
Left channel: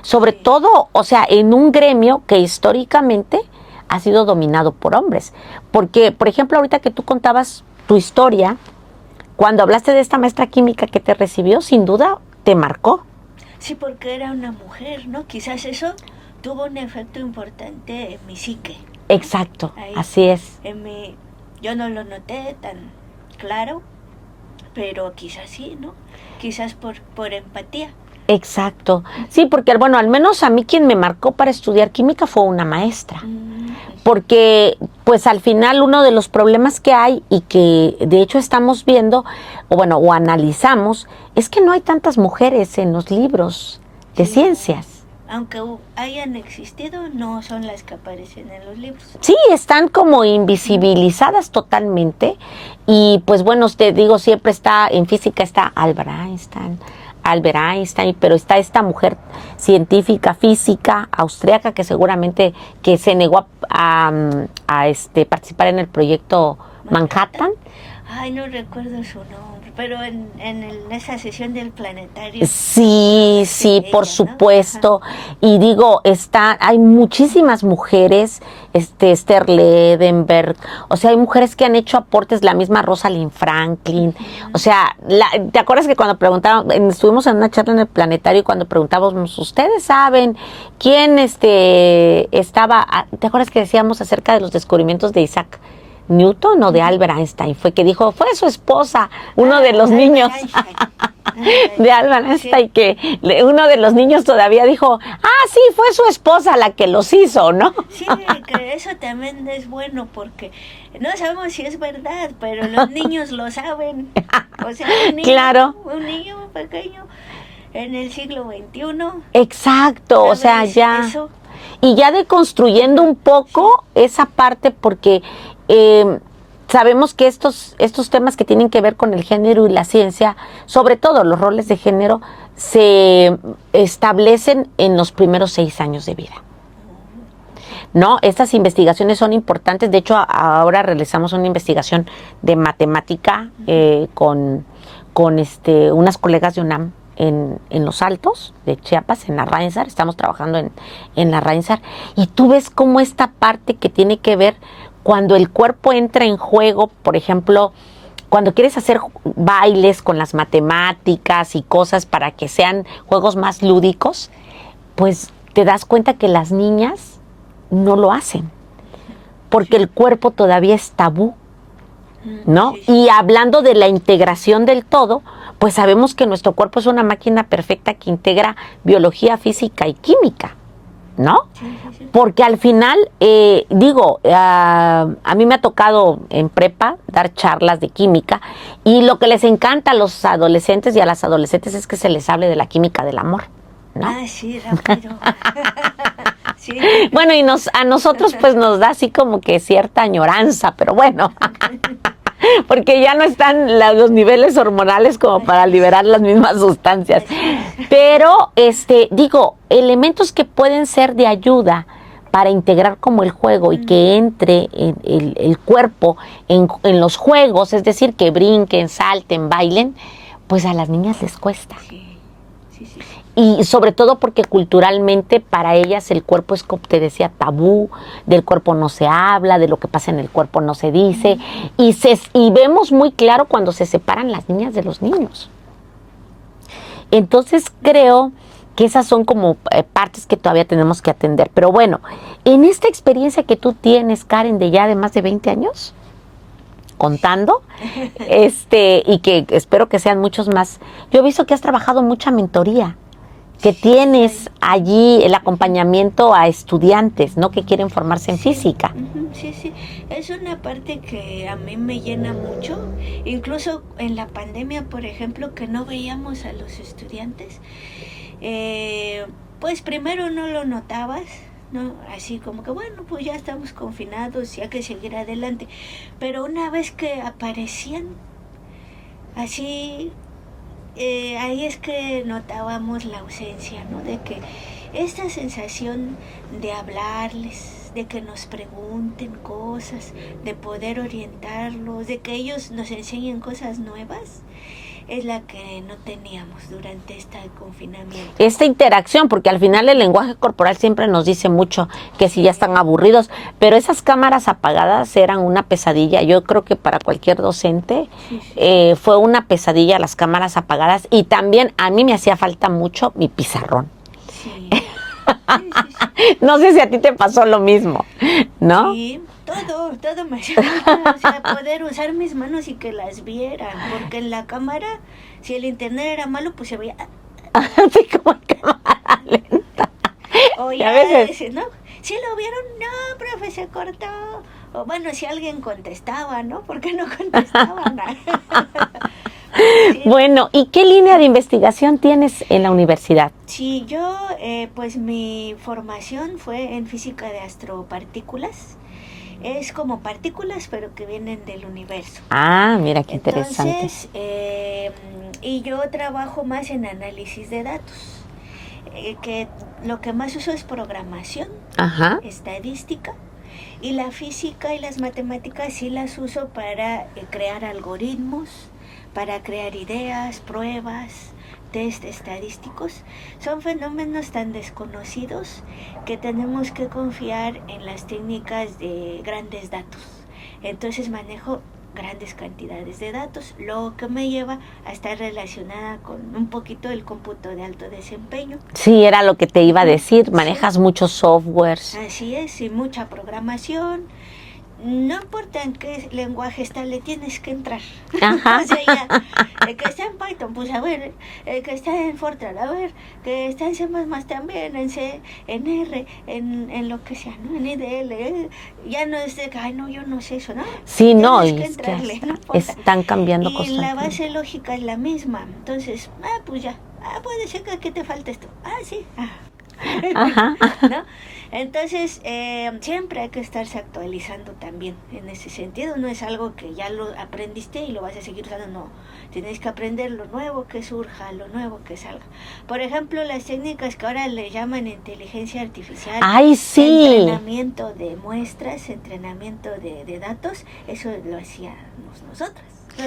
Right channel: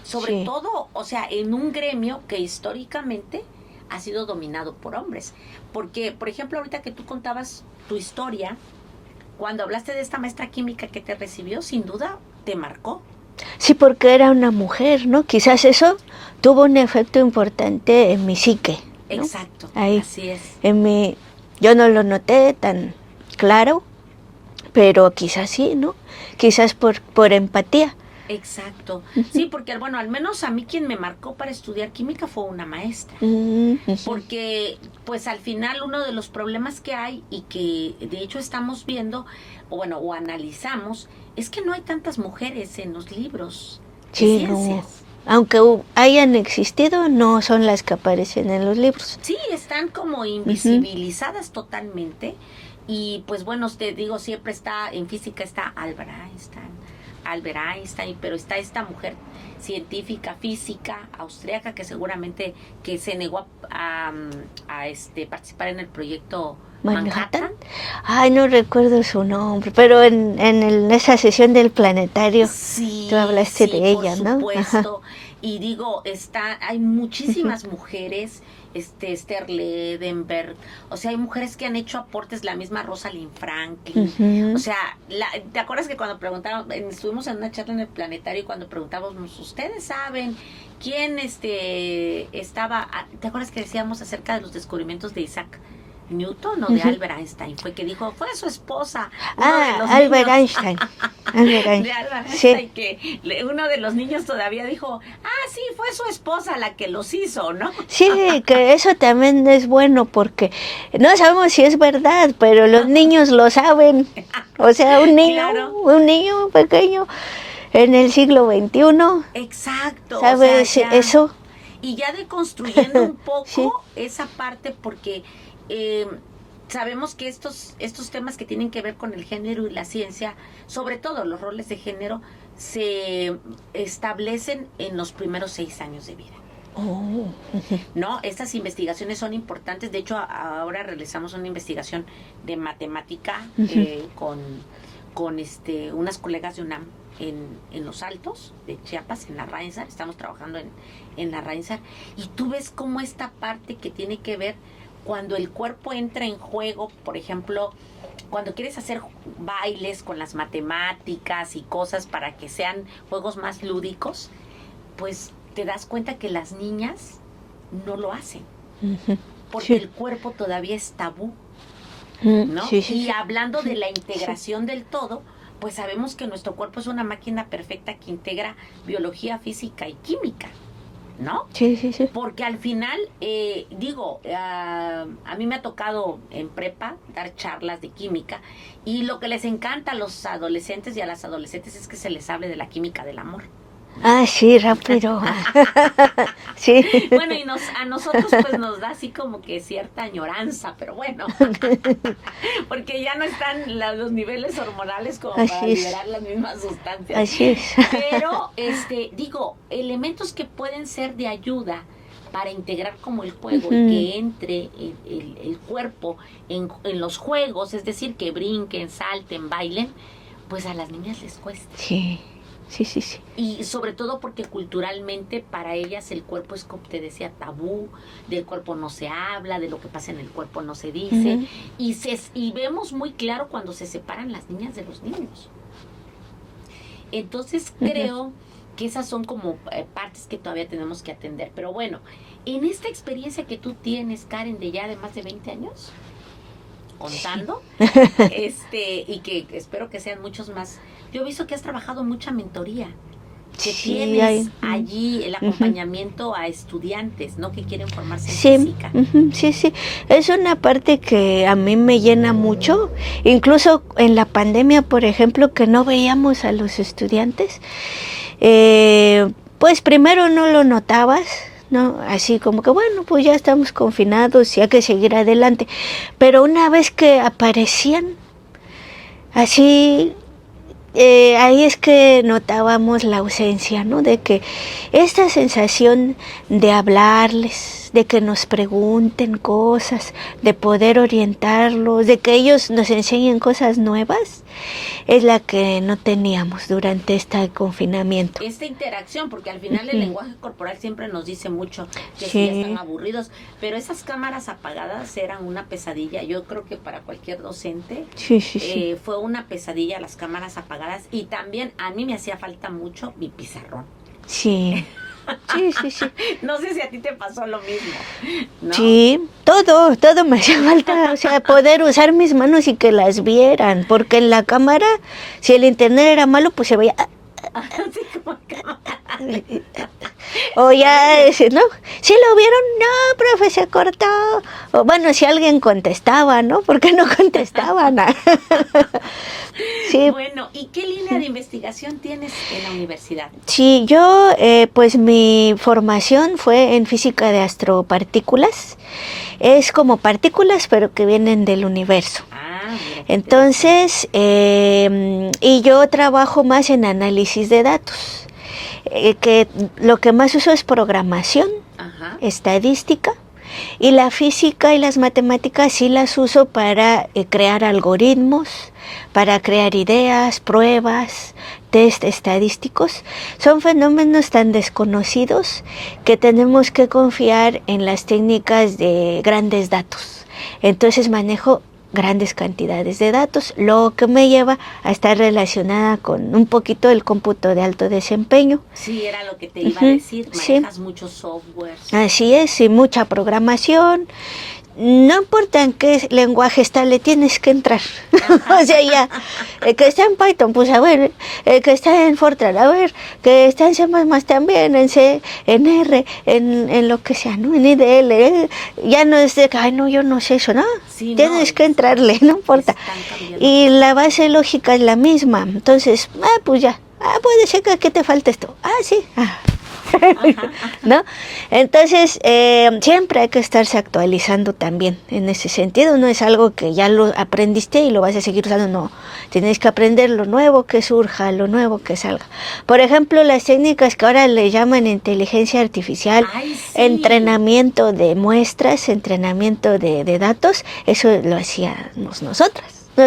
Sobre todo, o sea, en un gremio que históricamente ha sido dominado por hombres. Porque, por ejemplo, ahorita que tú contabas tu historia, cuando hablaste de esta maestra química que te recibió, sin duda te marcó. Sí, porque era una mujer, ¿no? Quizás eso tuvo un efecto importante en mi psique, ¿no? Exacto, así es. Yo no lo noté tan claro, pero quizás sí, ¿no? Quizás por empatía. Exacto. Sí, porque, bueno, al menos a mí quien me marcó para estudiar química fue una maestra. Porque, pues, al final uno de los problemas que hay y que, de hecho, estamos viendo, o analizamos, es que no hay tantas mujeres en los libros de ciencias. aunque hayan existido, no son las que aparecen en los libros. Sí, están como invisibilizadas totalmente. Y pues bueno, te digo, siempre está, en física está Albert Einstein, pero está esta mujer científica, física, austriaca, que seguramente que se negó a participar en el proyecto Manhattan. Ay, no recuerdo su nombre, pero en esa sesión del planetario. Sí, de por ella, supuesto. ¿no? Y digo, hay muchísimas mujeres, Esther Ledenberg, o sea, hay mujeres que han hecho aportes, la misma Rosalind Franklin. O sea, ¿te acuerdas que cuando estuvimos en una charla en el planetario y cuando preguntábamos, ¿ustedes saben quién estaba? ¿Te acuerdas que decíamos acerca de los descubrimientos de Isaac Newton o de Albert Einstein? Fue que dijo, fue su esposa, uno de los niños. Einstein. De Albert Einstein, sí. Que uno de los niños todavía dijo, sí, fue su esposa la que los hizo, ¿no? Sí, que eso también es bueno porque no sabemos si es verdad, pero los niños lo saben. O sea, un niño pequeño en el siglo XXI. Exacto, o sea, ya. Eso. Y ya deconstruyendo un poco esa parte, porque sabemos que estos temas que tienen que ver con el género y la ciencia, sobre todo los roles de género, se establecen en los primeros 6 años de vida. ¿No? Estas investigaciones son importantes. De hecho, ahora realizamos una investigación de matemática con unas colegas de UNAM en Los Altos de Chiapas, en la Arrainsar. Estamos trabajando en la Arrainsar. Y tú ves cómo esta parte que tiene que ver cuando el cuerpo entra en juego, por ejemplo, cuando quieres hacer bailes con las matemáticas y cosas para que sean juegos más lúdicos, pues te das cuenta que las niñas no lo hacen, porque el cuerpo todavía es tabú, ¿no? Sí. Y hablando de la integración del todo, pues sabemos que nuestro cuerpo es una máquina perfecta que integra biología, física y química, ¿no? Sí. Porque al final, a mí me ha tocado en prepa dar charlas de química y lo que les encanta a los adolescentes y a las adolescentes es que se les hable de la química del amor, ¿no? Sí, rápido. Sí. Bueno, y a nosotros pues nos da así como que cierta añoranza, pero bueno, porque ya no están los niveles hormonales como para liberar las mismas sustancias. Así es. Pero, elementos que pueden ser de ayuda para integrar como el juego y que entre el cuerpo en los juegos, es decir, que brinquen, salten, bailen, pues a las niñas les cuesta. Sí. Y sobre todo porque culturalmente para ellas el cuerpo es, como te decía, tabú, del cuerpo no se habla, de lo que pasa en el cuerpo no se dice, y vemos muy claro cuando se separan las niñas de los niños. Entonces creo que esas son como partes que todavía tenemos que atender. Pero bueno, en esta experiencia que tú tienes, Karen, de ya de más de 20 años, contando, y que espero que sean muchos más. Yo he visto que has trabajado mucha mentoría, que tienes allí el acompañamiento a estudiantes, ¿no? Que quieren formarse en física. Sí. Es una parte que a mí me llena mucho. Incluso en la pandemia, por ejemplo, que no veíamos a los estudiantes, pues primero no lo notabas, ¿no? Así como que, bueno, pues ya estamos confinados y hay que seguir adelante. Pero una vez que aparecían, así, ahí es que notábamos la ausencia, ¿no? De que esta sensación de hablarles, de que nos pregunten cosas, de poder orientarlos, de que ellos nos enseñen cosas nuevas, es la que no teníamos durante este confinamiento. Esta interacción, porque al final el lenguaje corporal siempre nos dice mucho que si ya están aburridos, pero esas cámaras apagadas eran una pesadilla. Yo creo que para cualquier docente fue una pesadilla las cámaras apagadas, y también a mí me hacía falta mucho mi pizarrón. Sí. No sé si a ti te pasó lo mismo, ¿no? Sí, todo me hacía falta, o sea, poder usar mis manos y que las vieran, porque en la cámara, si el internet era malo, pues se veía así como cámara lenta. O ya, ¿no? ¿Sí lo vieron? No, profe, se cortó. O bueno, si alguien contestaba, ¿no? ¿Por qué no contestaban? Sí. Bueno, ¿y qué línea de investigación tienes en la universidad? Sí, yo pues mi formación fue en física de astropartículas. Es como partículas, pero que vienen del universo. Ah, mira qué Entonces, y yo trabajo más en análisis de datos. Que lo que más uso es programación, Ajá. estadística, y la física y las matemáticas sí las uso para crear algoritmos, para crear ideas, pruebas, test estadísticos. Son fenómenos tan desconocidos que tenemos que confiar en las técnicas de grandes datos. Entonces manejo grandes cantidades de datos, lo que me lleva a estar relacionada con un poquito el cómputo de alto desempeño. Sí, era lo que te iba a decir, manejas sí. muchos softwares. Así es, y mucha programación. No importa en qué lenguaje está, le tienes que entrar. O sea, ya, el que está en Python, pues a ver, el que está en Fortran, a ver, que está en C++ también, en C, en R, en lo que sea, ¿no? En IDL, ya no es de que, ay, no, yo no sé eso, ¿no? Sí, tienes que entrarle, no importa. Están cambiando Y la constantemente. base lógica es la misma, entonces, pues ya, puede ser que aquí te falte esto. Sí, Ajá. ¿no? Entonces, siempre hay que estarse actualizando también en ese sentido. No es algo que ya lo aprendiste y lo vas a seguir usando, no. Tienes que aprender lo nuevo que surja, lo nuevo que salga. Por ejemplo, las técnicas que ahora le llaman inteligencia artificial, ¡Ay, sí! entrenamiento de muestras, entrenamiento de datos, eso lo hacíamos nosotras.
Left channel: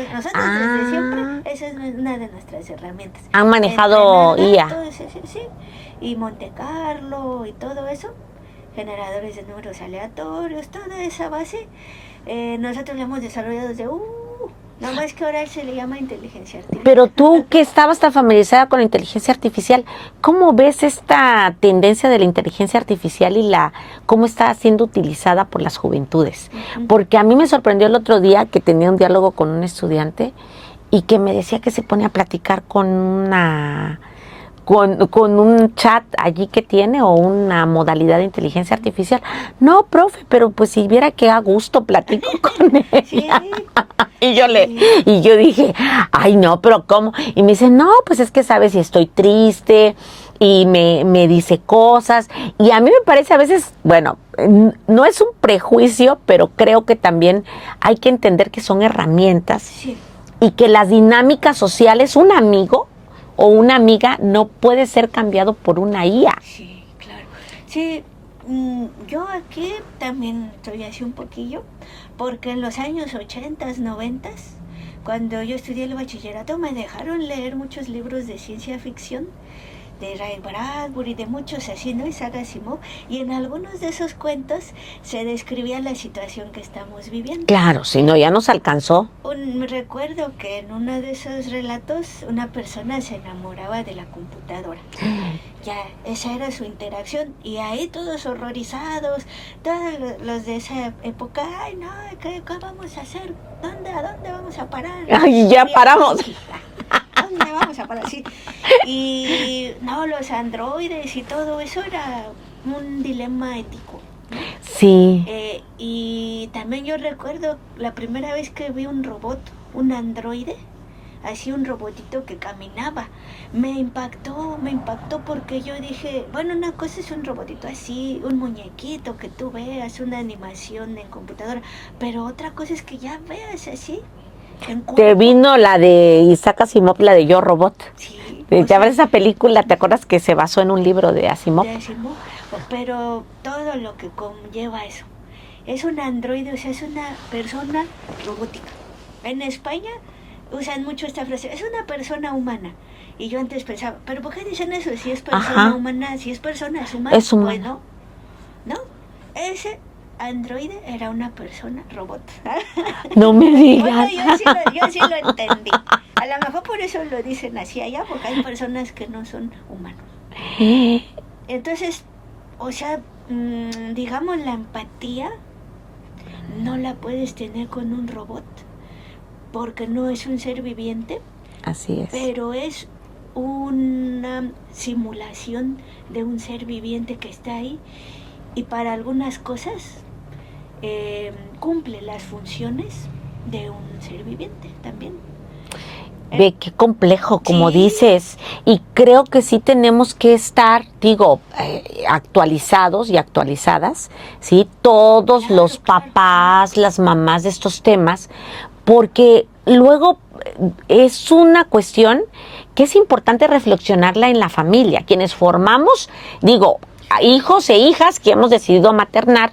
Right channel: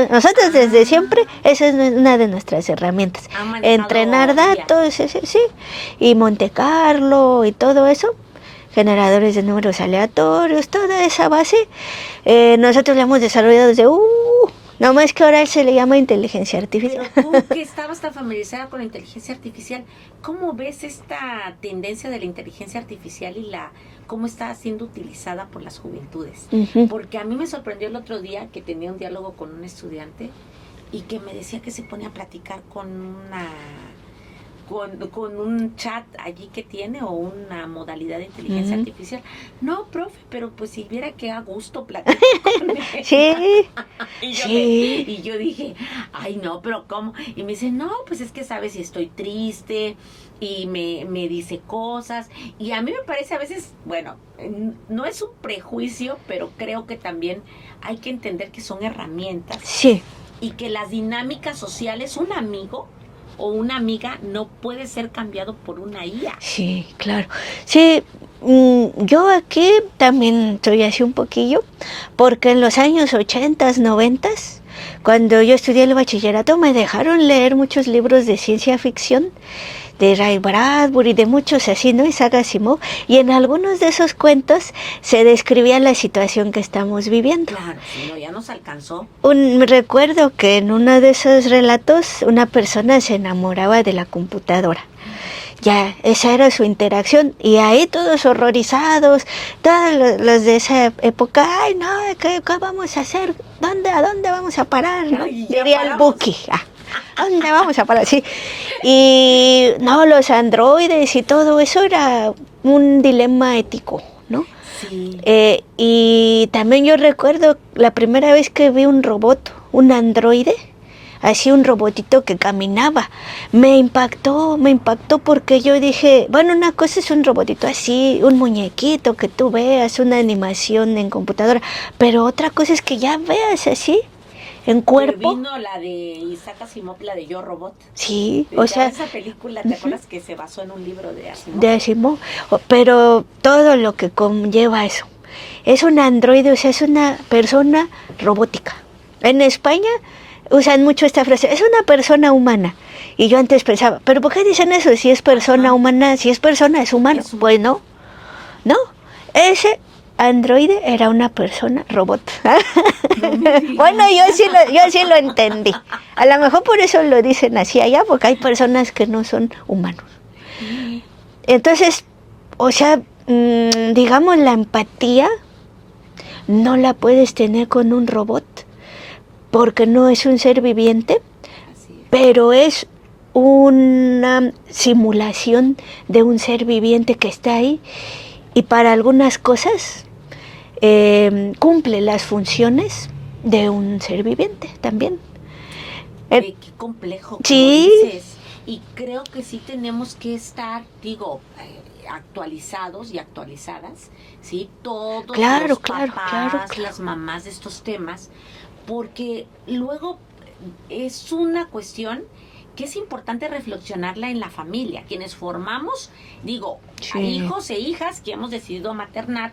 Nosotros desde siempre, esa es una de nuestras herramientas. Han manejado entrenar IA. datos, sí, y Monte Carlo y todo eso, generadores de números aleatorios, toda esa base, nosotros la hemos desarrollado desde, no más que ahora se le llama inteligencia artificial. Pero tú que estabas tan familiarizada con la inteligencia artificial, ¿cómo ves esta tendencia de la inteligencia artificial y cómo está siendo utilizada por las juventudes? Uh-huh. Porque a mí me sorprendió el otro día que tenía un diálogo con un estudiante y que me decía que se pone a platicar con un chat allí que tiene o una modalidad de inteligencia artificial. No, profe, pero pues si viera que a gusto platico con él. Sí. Y yo dije, ay no, pero ¿cómo? Y me dice, no, pues es que sabes si estoy triste y me dice cosas. Y a mí me parece a veces, bueno, no es un prejuicio, pero creo que también hay que entender que son herramientas. Sí. Y que las dinámicas sociales, un amigo o una amiga no puede ser cambiado por una IA. Sí, claro. Sí, yo aquí también soy así un poquillo, porque en los años 80, 90, cuando yo estudié el bachillerato, me dejaron leer muchos libros de ciencia ficción, de Ray Bradbury, de muchos así, ¿no? Isaac Asimov, y en algunos de esos cuentos se describía la situación que estamos viviendo. Claro, si no, ya nos alcanzó. Recuerdo que en uno de esos relatos una persona se enamoraba de la computadora. Ya, esa era su interacción, y ahí todos horrorizados, todos los de esa época, ay no, ¿qué vamos a hacer? ¿A dónde vamos a parar? Ay, ya paramos. ¿A dónde vamos a parar? Sí. Y no, los androides y todo eso era un dilema ético, ¿no? Sí. Y también yo recuerdo la primera vez que vi un robot, un androide, así un robotito que caminaba. Me impactó porque yo dije, bueno, una cosa es un robotito así, un muñequito que tú veas, una animación en computadora, pero otra cosa es que ya veas así, en cuerpo. Que vino la de Isaac Asimov, la de Yo Robot. Sí. Esa película, ¿te acuerdas que se basó en un libro de Asimov? De Asimov, pero todo lo que conlleva eso. Es un androide, o sea, es una persona robótica. En España usan mucho esta frase, es una persona humana. Y yo antes pensaba, ¿pero por qué dicen eso? Si es persona humana, si es persona, es humano. Es humano. Pues no. Ese androide era una persona robot. No me digas. Bueno, yo sí lo entendí. A lo mejor por eso lo dicen así allá, porque hay personas que no son humanos. Entonces, o sea, digamos, la empatía no la puedes tener con un robot, porque no es un ser viviente. Así es. Pero es una simulación de un ser viviente que está ahí, y para algunas cosas cumple las funciones de un ser viviente también. Ve qué complejo, como dices. Y creo que sí tenemos que estar, actualizados y actualizadas, ¿sí? Todos los papás, las mamás de estos temas, porque luego es una cuestión que es importante reflexionarla en la familia. Quienes formamos, hijos e hijas que hemos decidido maternar,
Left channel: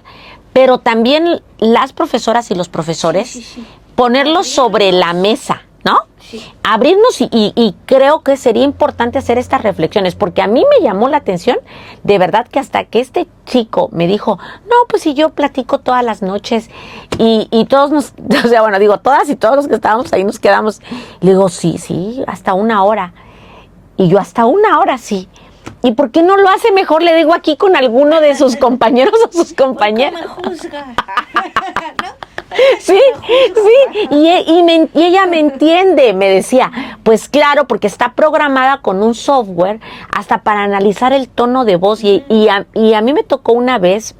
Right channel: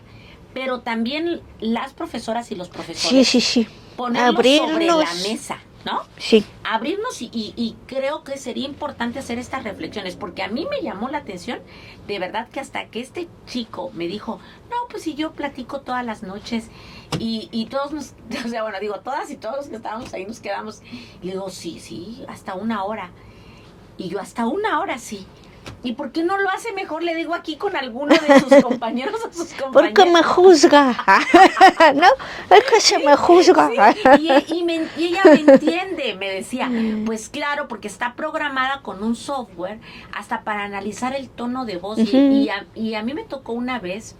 pero también las profesoras y los profesores, ponerlos sobre la mesa, ¿no? Sí. Abrirnos y creo que sería importante hacer estas reflexiones, porque a mí me llamó la atención, de verdad, que hasta que este chico me dijo, no, pues si yo platico todas las noches y todos todas y todos los que estábamos ahí nos quedamos. Le digo, sí, hasta 1 hora. Y yo, hasta 1 hora, sí. ¿Y por qué no lo hace mejor? Le digo aquí con alguno de sus compañeros o sus compañeras. Porque me juzga, ¿no? Sí, me juzga. Sí. Y ella me entiende, me decía. Pues claro, porque está programada con un software hasta para analizar el tono de voz. Y a mí me tocó una vez,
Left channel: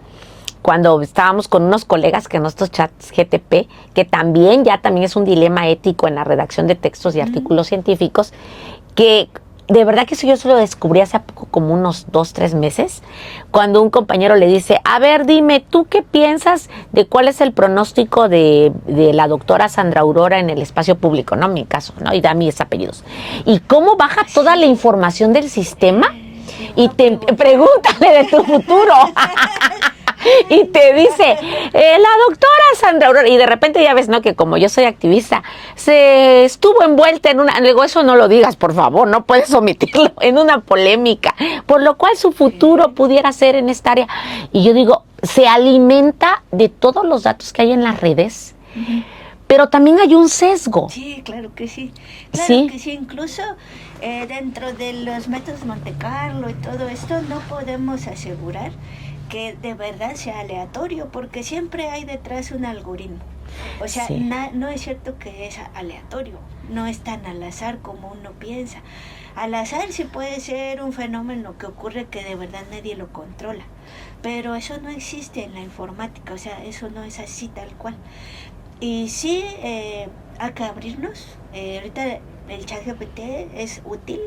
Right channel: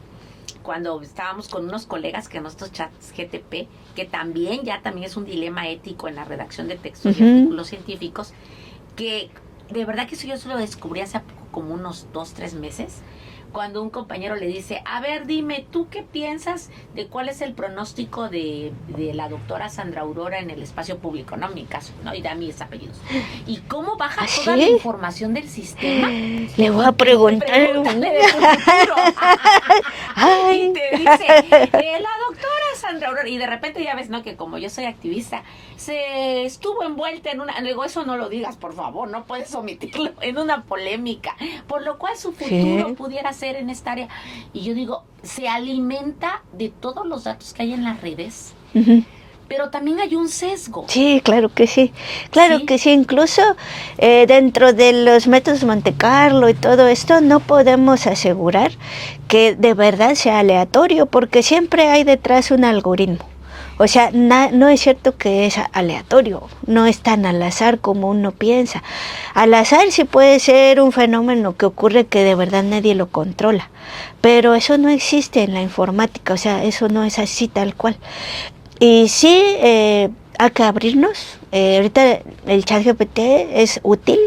cuando estábamos con unos colegas que en nuestros chats GTP, que también es un dilema ético en la redacción de textos y artículos científicos, que de verdad que eso yo se lo descubrí hace poco, como unos 2-3 meses, cuando un compañero le dice, a ver, dime, ¿tú qué piensas de cuál es el pronóstico de la doctora Sandra Aurora en el espacio público, ¿no? En mi caso, ¿no? Y da mis apellidos. ¿Y cómo baja toda la información del sistema? Le voy a preguntar. Pregúntale de tu futuro. Y te dice, la doctora Sandra Aurora, y de repente ya ves, ¿no? Que como yo soy activista, se estuvo envuelta en una, le digo, eso no lo digas, por favor, no puedes omitirlo, en una polémica, por lo cual su futuro pudiera ser en esta área. Y yo digo, se alimenta de todos los datos que hay en las redes, pero también hay un sesgo. Sí, claro que sí. Claro que sí. Incluso dentro de los métodos Monte Carlo y todo esto, no podemos asegurar que de verdad sea aleatorio, porque siempre hay detrás un algoritmo. O sea, no es cierto que es aleatorio, no es tan al azar como uno piensa. Al azar sí puede ser un fenómeno que ocurre que de verdad nadie lo controla, pero eso no existe en la informática, o sea, eso no es así tal cual. Y sí, hay que abrirnos. Ahorita el ChatGPT es útil.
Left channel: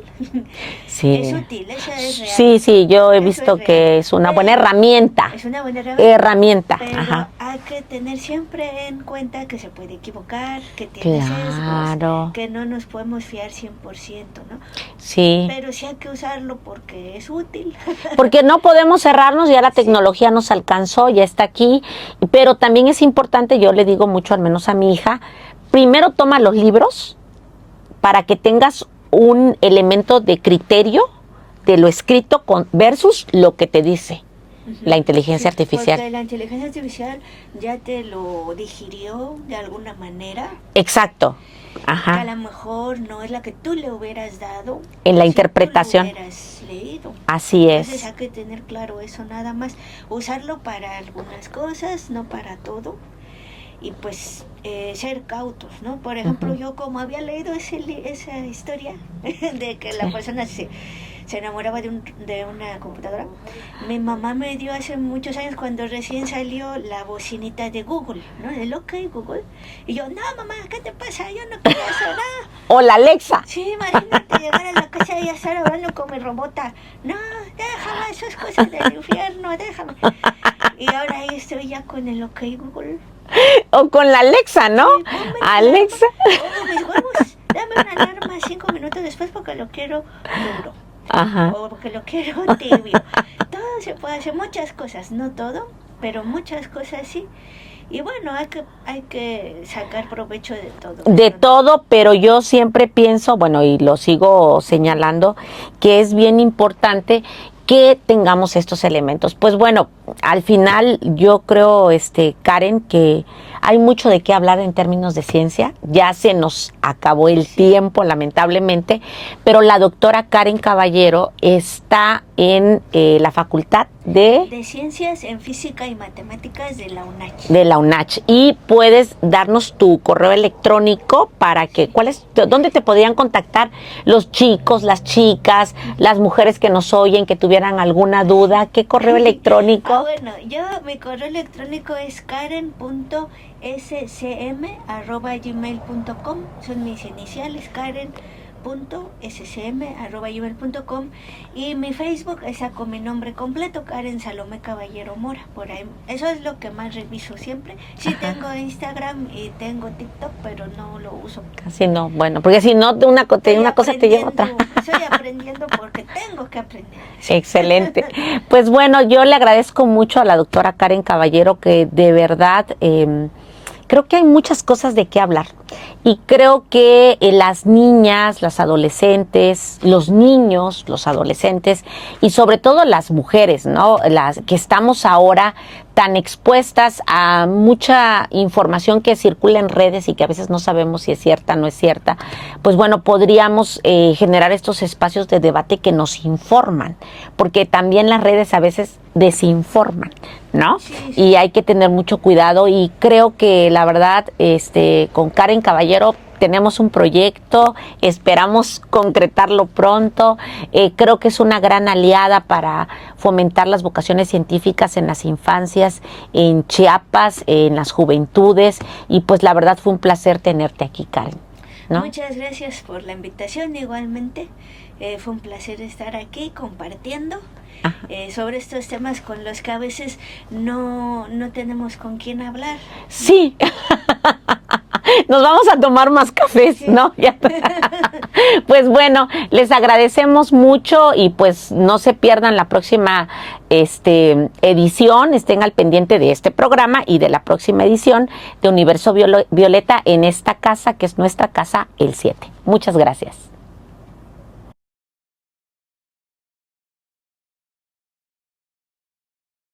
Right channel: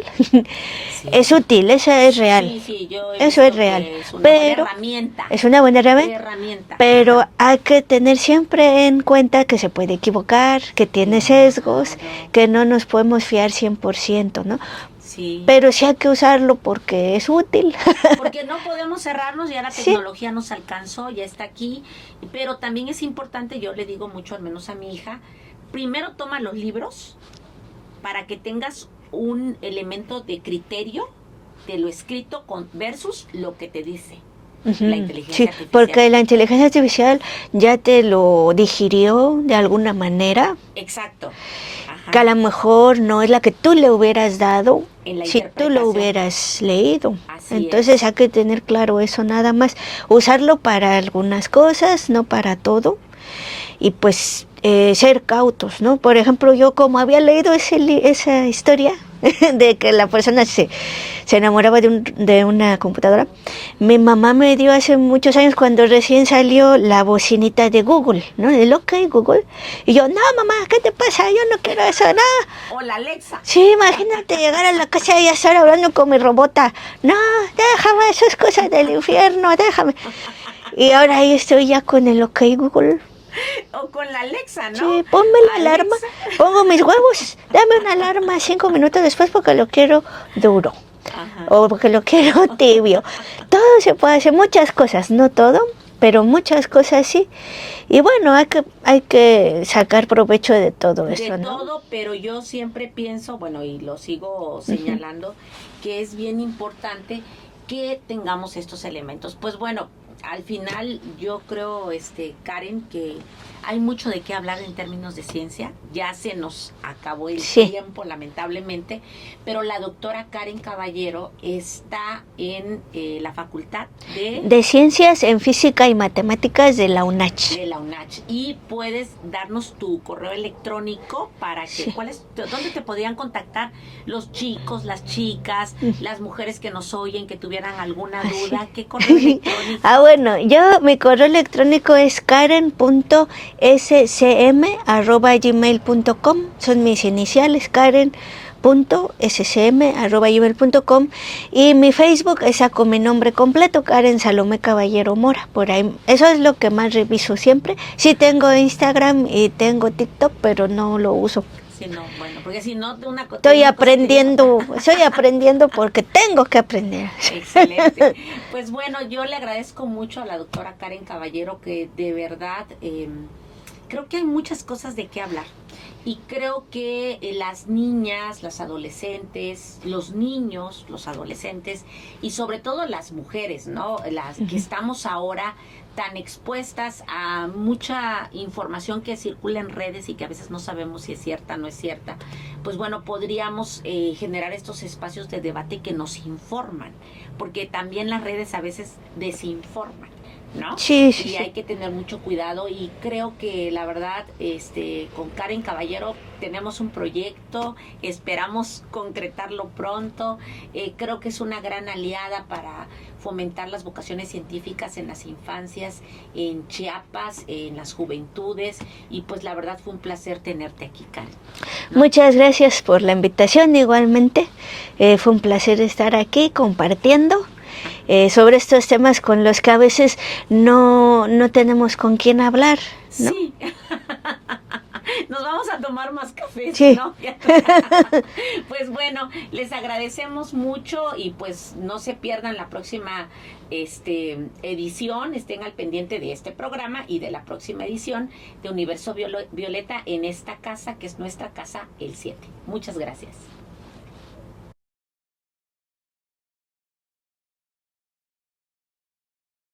Sí. Es útil, eso es real. Sí, yo he visto que es una buena herramienta. Es una buena herramienta. Pero hay que tener siempre en cuenta que se puede equivocar, que tiene sesgos, que no nos podemos fiar 100%, ¿no? Sí. Pero sí hay que usarlo porque es útil. Porque no podemos cerrarnos, ya la tecnología nos alcanzó, ya está aquí. Pero también es importante, yo le digo mucho, al menos a mi hija, primero toma los libros para que tengas un elemento de criterio de lo escrito versus lo que te dice la inteligencia artificial. Porque la inteligencia artificial ya te lo digirió de alguna manera. Exacto. Que a lo mejor no es la que tú le hubieras dado en la si interpretación. tú lo hubieras leído. Así Entonces hay que tener claro eso nada más. Usarlo para algunas cosas, no para todo. Y pues ser cautos, ¿no? Por ejemplo, yo como había leído esa historia de que la persona se enamoraba de una computadora, mi mamá me dio hace muchos años, cuando recién salió la bocinita de Google, ¿no? El OK Google. Y yo, no, mamá, ¿qué te pasa? Yo no quiero eso, nada. O la Alexa. Sí, imagínate llegar a la casa y estar hablando con mi robota. No, déjame, eso es cosa del infierno, déjame. Y ahora ahí estoy ya con el OK Google. O con la Alexa, ¿no? Sí, ponme la alarma, pongo mis huevos, dame una alarma 5 minutos después porque lo quiero duro. O porque lo quiero tibio. Todo se puede hacer, muchas cosas, no todo, pero muchas cosas sí. Y bueno, hay que sacar provecho de todo. De eso, todo, ¿no? Pero yo siempre pienso, bueno, y lo sigo señalando, que es bien importante que tengamos estos elementos. Pues bueno, al final yo creo, Karen, que hay mucho de qué hablar en términos de ciencia. Ya se nos acabó el tiempo, lamentablemente, pero la doctora Karen Caballero está en la Facultad de Ciencias en Física y Matemáticas de la UNACH. De la UNACH. Y puedes darnos tu correo electrónico para que, ¿dónde te podrían contactar los chicos, las chicas, las mujeres que nos oyen, que tuvieran alguna duda? ¿Qué correo electrónico? Bueno, mi correo electrónico es karen.ecc scm@gmail.com. Son mis iniciales, Karen.scm@gmail.com, y mi Facebook es con mi nombre completo, Karen Salomé Caballero Mora. Por ahí, eso es lo que más reviso siempre. Sí, ajá, tengo Instagram y tengo TikTok, pero no lo uso. Casi no, bueno, porque si no, estoy aprendiendo, estoy aprendiendo porque tengo que aprender. Excelente. Pues bueno, yo le agradezco mucho a la doctora Karen Caballero, que de verdad creo que hay muchas cosas de qué hablar. Y creo que las niñas, las adolescentes, los niños, los adolescentes y sobre todo las mujeres, ¿no? Las que estamos ahora tan expuestas a mucha información que circula en redes y que a veces no sabemos si es cierta o no es cierta, pues bueno, podríamos generar estos espacios de debate que nos informan, porque también las redes a veces desinforman, ¿no? Sí, sí. Y hay que tener mucho cuidado, y creo que la verdad, con Karen Caballero tenemos un proyecto, esperamos concretarlo pronto. Creo que es una gran aliada para fomentar las vocaciones científicas en las infancias, en Chiapas, en las juventudes, y pues la verdad fue un placer tenerte aquí, Karen, ¿no? Muchas gracias por la invitación, igualmente. Fue un placer estar aquí compartiendo sobre estos temas con los que a veces no tenemos con quién hablar, ¿no? Sí. Nos vamos a tomar más café, sí, ¿no? Pues bueno, les agradecemos mucho, y pues no se pierdan la próxima edición. Estén al pendiente de este programa y de la próxima edición de Universo Violeta en esta casa, que es nuestra casa, el 7. Muchas gracias.